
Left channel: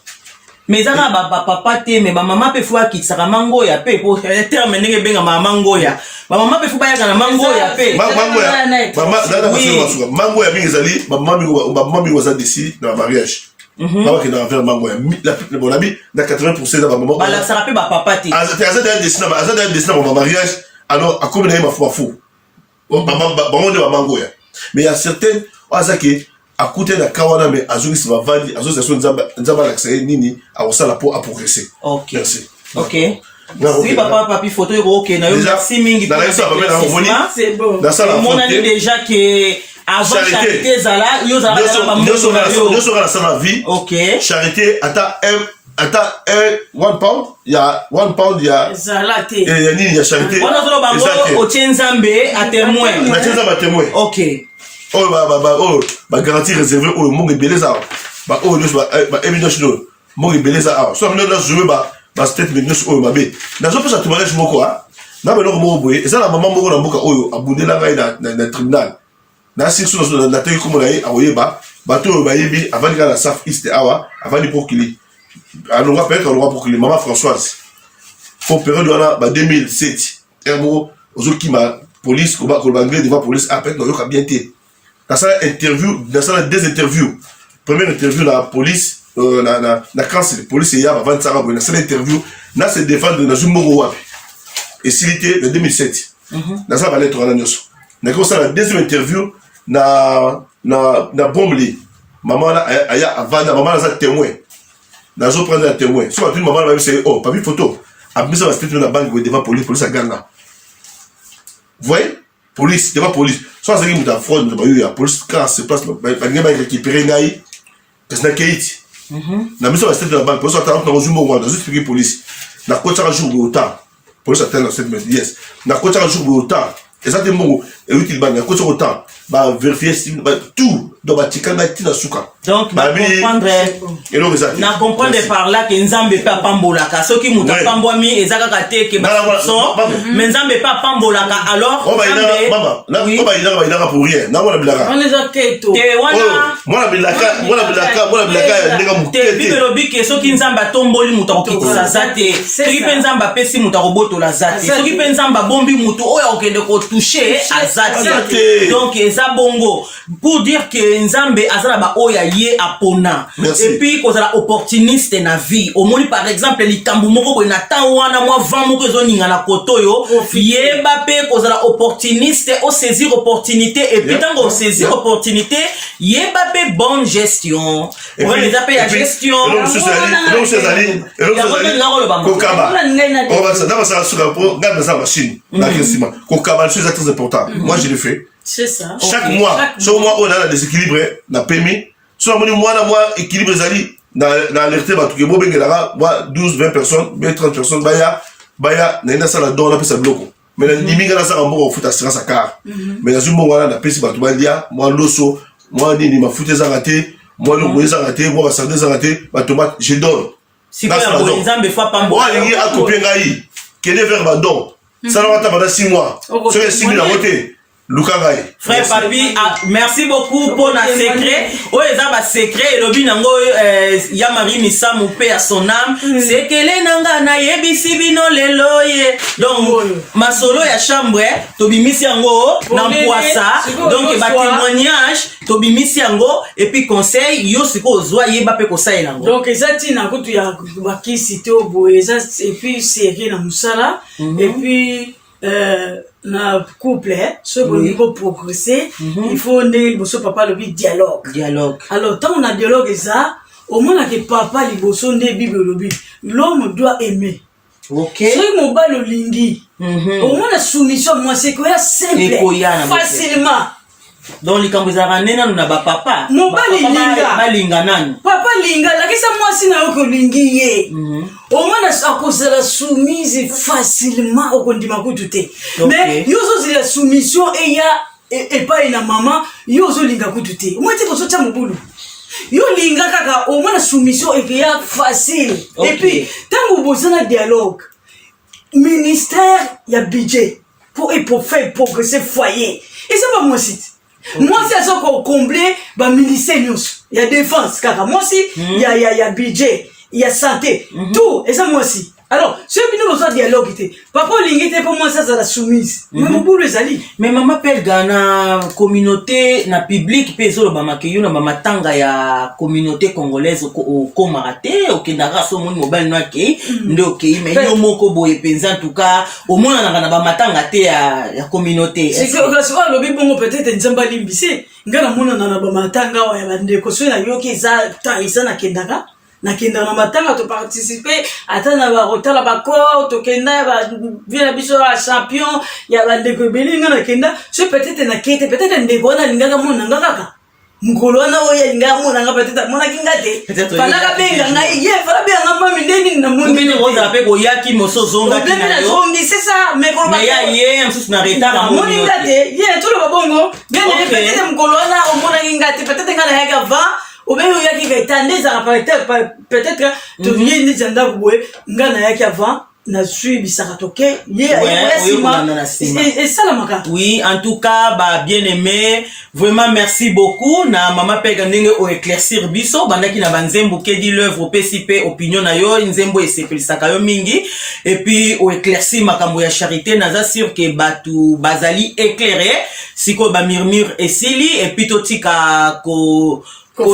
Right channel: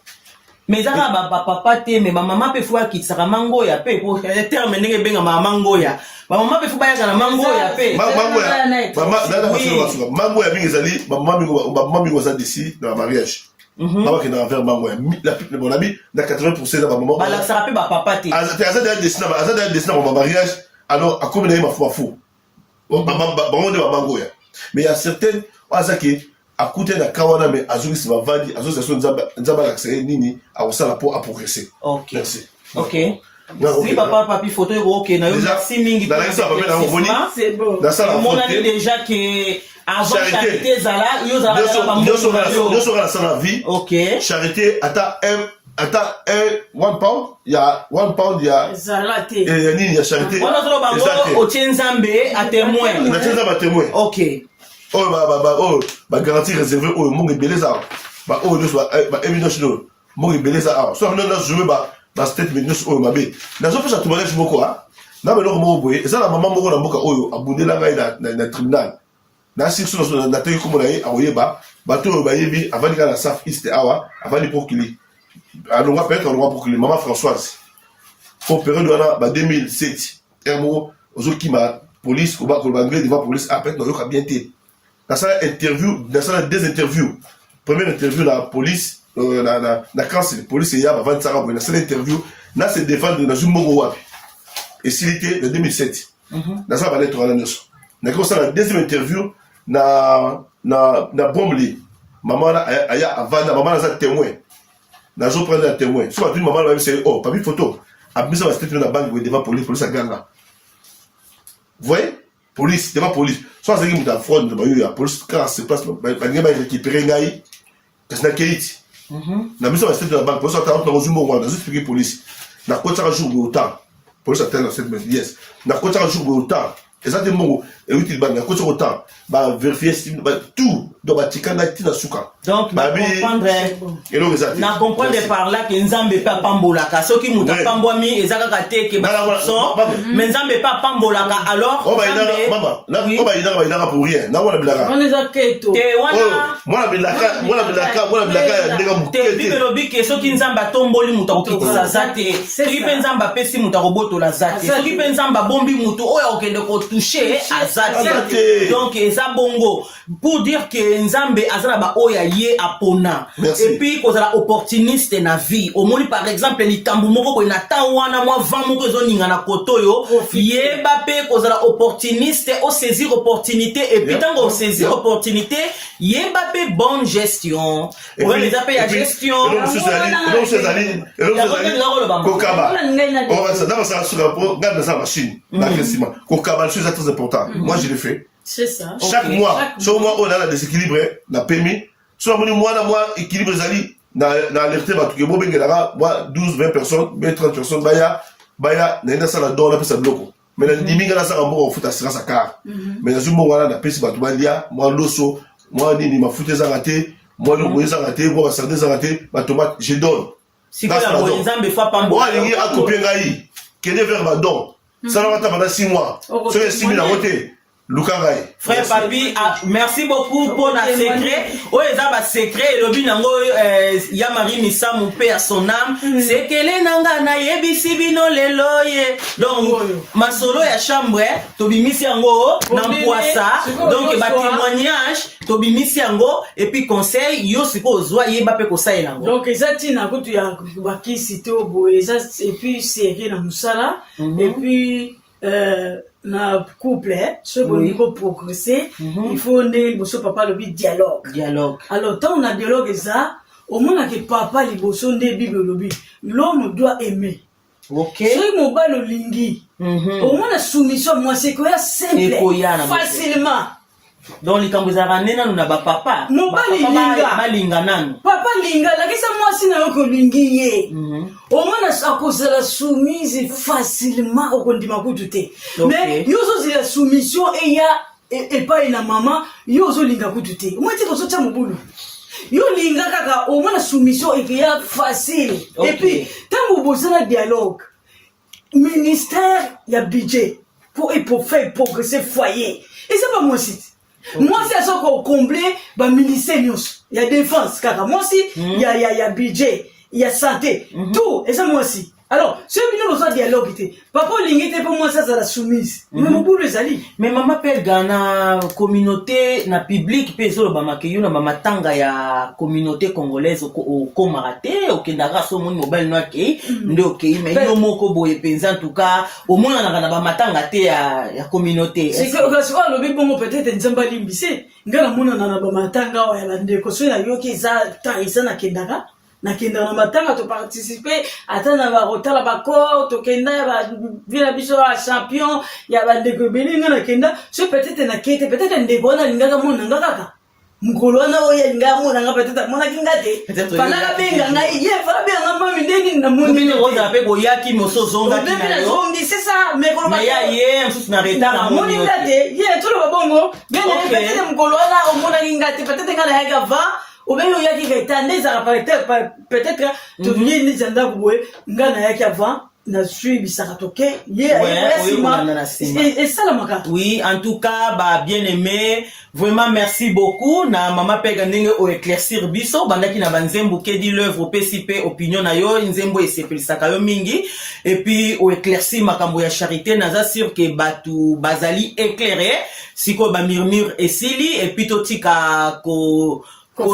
Mais ça va papa te mais ma maman peut fois qui sera mango ya pe pour terme nenge benga mango ya. Ma maman peut fois ya na mango ya pe. Mango ya. Maman nana basema mango ya mingi zali, maman mi waza d'ici dans le mariage. Maman qui n'a fait mango ya. La mon ami na 80% de maman. Bah là ça rappelle papa te. Azada d'aller dessiner mon mariage. Alors à combien de fois fou. Maman de mango ya. Mais il y a certaines azaki à côté de Kawana, mais Azuri se va valider, association Nzaba l'accès Nini, à Osala pour progresser. Ok. Merci. Ok. Oui, papa, papi, photo, ok. Merci, Mingi. C'est bon. Mon ami déjà que avant charité, Zala, nous sommes dans la vie. Ok. Charité, one pound, il y a one pound, il y a. Zalate. Et il y a charité. On a trouvé Bango, au Tchenzambe, à témoin. La Tchenzambe à témoin. Ok. Garantie réservée au monde beleza évidence monde beleza so nous jouer statement nous mabe na zo pesa tumalage moko na belo mo boye eza la maman moko na mboka oyo abundela ngai na tribunal na section na tayi comme na ye awoyeba bato ba yebi avant ka la South East awa avant pour qu'il alonga peut-être alonga pour qu'il maman Françoise pour période en 2007 ermo ozoki ma police ko ba anglais devant police après no yoka bien té. Dans cette interview, dans cette deux interviews, première interview la police, la cancer, police hier avant de s'arranger, dans cette interview, là c'est défendre dans une mongo wapi. Et s'il était en 2007, dans ça va l'être en annonce. Dans ça la deuxième interview, na bombe maman aya avant, maman là témoin, dans zo prendre la témoin. Soit une maman là c'est oh pas vu photo, a mis ça va se la banque devant police, police à Ghana. Vous voyez? Police, devant police. Soit c'est une fraude, la police, quand se passe, il va récupérer Naï, parce que Keiti. La mission va se faire dans la banque, police attend dans un moment, dans une expliquer police. La coach a un jour de autant. Police attend dans cette messe, yes. La coach a un jour de autant. Exactement, utile bana ko so temps ba vérifier tout donc ba tikanga tina suka donc na comprendre par là que nzambe pa pambolaka soki muta pambomi ezaka te ke ba so mais nzambe pa pambolaka alors on va ina pour rien na wala bilaka on les a keto te wana moi bilaka ndeka mukete bibelo bike soki nzambe tomboli muta kokitisa zate soki pe nzambe pesi muta kobotola zate soki pe nzambe bombi mutu oyo okende ko toucher azate donc eza bongo pour dire que nzambe azala ba oya ye apona et puis kozala opportuniste na vie omoni par exemple likambo moko ko na temps wana moi vent moko ezoninga na kotoyo yeba pe kozala opportuniste o saisir opportunité et puis tango saisir opportunité yeba pe bonne gestion on les appelle la gestion on va ça dans ça sur garde ça machine la question kokaba c'est très important moi je le fais. C'est ça. Chaque mois, on a des équilibres, na PMI. Soit mois équilibre zali na alerté ba tuke bobe ngelara moi 12 20 personnes, 30 personnes baya na ina sala don na pesa bloko. Mais na liminga na sala mboko futa assurance à car. Mais na zumbo wana na pesi ba tubalia, moi loso, moi ni ma futé za raté, moi le moïse raté, moi sandé za raté, ba tomate je donne. Si pas les gens fois pas moi il y a coupé ngai. Quel vers ba don. Ça va ta 6 mois. C'est 6 000 à voter. Frère Papi, merci beaucoup pour la secret. Oh, ils ont un secret. Le binango, Yamari Missa, mon père, son âme. C'est que les nanga na yebisi bino leloye. Donc, ma solo ya chambre, tobi misi ango, n'ampoisa. Donc, ba témoignage, tobi misi ango, et puis conseil, yo siko ozwa yeba pe conseil nango. Donc, ezati na kutu ya baki site obo, et puis c'est na musala, et puis na couple ce qu'on veut progresser il faut ne bosso papa le dialogue alors tant on a dialogue ça au moins que papa li bosso ne bible le l'homme doit aimer ce mo ba le lingi au moins la soumission moi c'est quoi simple facilement donc les kambuzara nena na ba papa balinga nani papa linga la kesa moi sina yoko lingi ye au moins à cause de la soumise facilement au kondima kutute mais yozo la soumission et ya et pas une maman yozo linga kutute moi tu ko socha mobulu yo linga kaka au moins la soumission et ya facile et puis tant vous besoin de dialogue ministère ya budget pour faire progresser foyer et ça va moi aussi. Moi c'est ça qu'on combler ba ministère il y a défense car moi aussi il y a budget il y a santé tout et ça moi aussi alors ce bino besoin dialogue était papa lingité pour moi ça la soumise mais beaucoup les ali mais maman pelle gana communauté na public pe zo ba makeyo na mama tanga ya communauté congolaise au Komarate au Kendara so mon mobile no ke ndo ke mais yo moko boye penza en tout cas au moins na ba matanga te ya communauté c'est que le bibongo peut-être nzamba limbisi ngana mona na ba matanga wa ya bandeko so na yo ki za ta isa na Kendara na kenda na matanga to participer atana ba rotala ba ko to kenda ba vient biso a champion ya ba ndeko belinga na kenda so peut-être na kete peut-être ndeko na linga mona ngaka ngolo na oya linga mona nga peut-être mona kingate fala ka benga ngai ye fala benga mami ndeni na mundi ne roza pe ko yaki moso zonga kinayo c'est ça mais pour mais ya ye en plus na retard à moni ngate ye tout le bongo bien peut-être ngolo na mona kingate peut-être ngana ya va ou bien il y a qui est tendance à peut-être tu viens de dire que ngana yaki avant na suivi saratoke et ça la maka oui en tout cas bah bien aimé vraiment merci beaucoup na mama pega ndenge o éclaircir biso bandaki na banzembo ke di l'œuvre PCP opinion na yo nzembo esepelisaka yo mingi et puis o éclaircir makambo ya charité naza sûr que batu bazali éclairé siko ba murmure esili et puis totika ko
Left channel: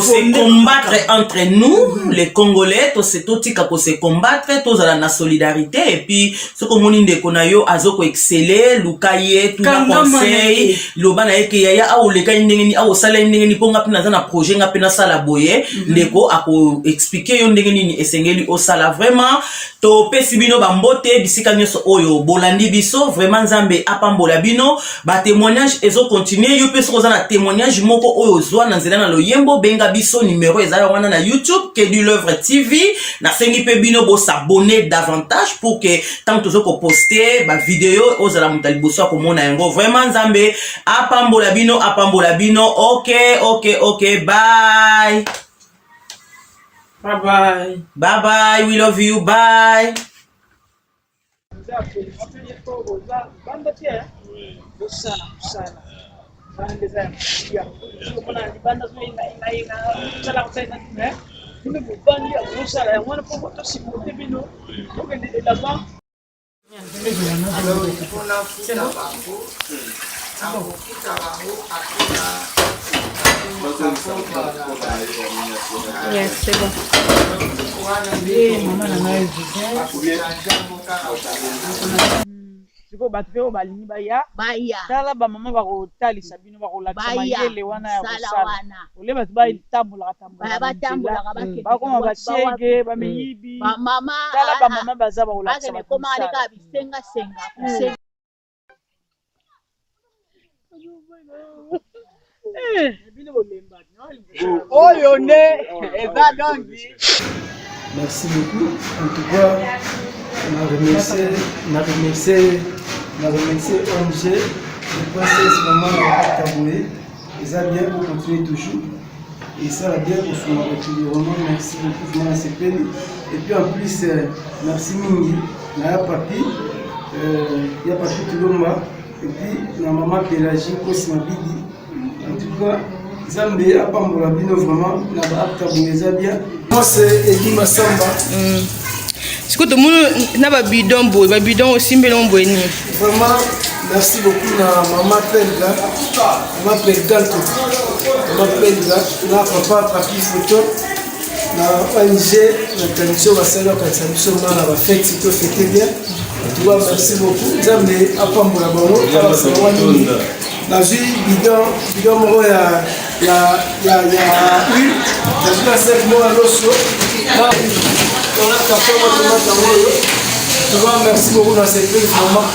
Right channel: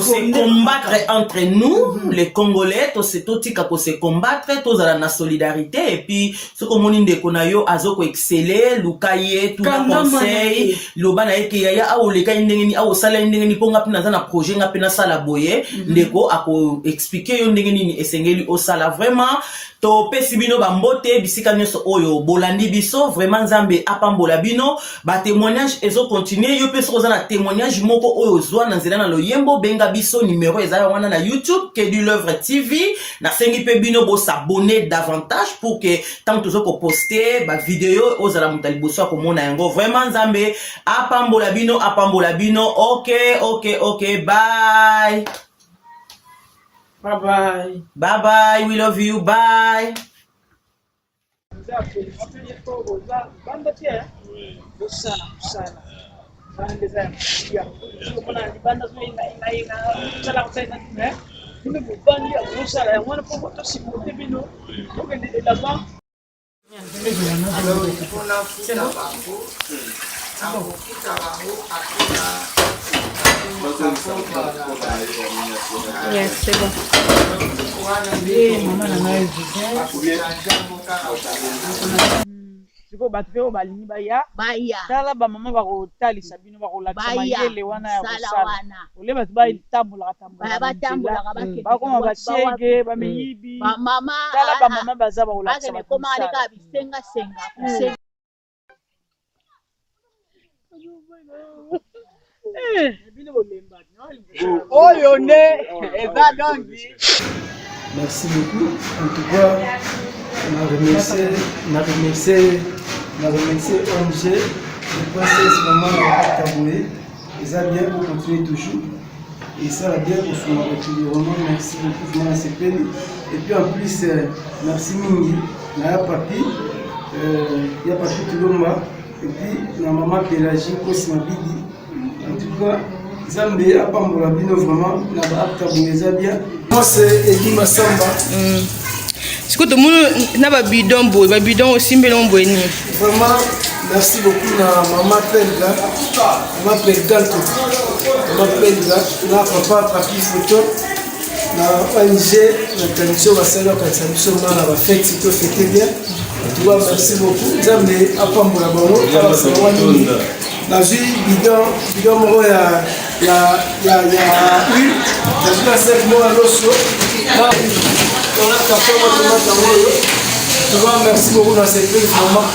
se combattre entre nous les Congolais to se totika ko se combattre tous à la solidarité et puis ce que mon inde konayo azoko exceller lukaye tout le conseil lobana eke yaya a o leka ndengeni a o sala ndengeni ponga pina na projet nga pina sala boye ndeko ako expliquer yo ndengeni ni esengeli o sala vraiment to pesibino bambote bisika nyoso oyo bolandi biso vraiment nzambe apambola bino ba témoignage ezo continuer yo peso za na témoignage moko oyo zwa na nzela na loyembo benga biso numéro ezala wana na YouTube Kedi L'Oeuvre TV na sengi pe bino bo s'abonner davantage pour que tant tozo ko poster ba vidéo ozala mutali boso ko mona yango vraiment nzambe apambola bino OK bye bye we love you bye Yes, c'est bon. Siko bato pe balingi baya tala bamama bakotalisa bino bakolakisa mayele wana ya kosala ole bato batambolaka bakoma bashege bameyibi tala bamama baza bakolakisa oyo nde eza dongi. Merci beaucoup. En tout cas, on a remercié ONG, le princesse maman Taboué. Ils ont bien pour continuer toujours. Et ça va bien pour son vraiment. Merci beaucoup, vraiment, c'est peine. Et puis en plus, merci Mingi, Naya Papi, il y a Papi Tulomba, et puis la maman Pélagie, Kosima Bidi. En tout cas, Zambé a Pambola Bino vraiment, la Taboué bien. Moi c'est Eddie Massamba. Est-ce que tout le monde n'a pas bidon aussi Vraiment, merci beaucoup à Maman Pelga, Maman Pelga, na papa papi photo, na ONG, na tradition basala kwa tradition na ba fête c'est fêté bien. Tu vois, merci beaucoup. Zambé a Pambola Bango, na vie bidon moko ya merci beaucoup dans cette belle moment.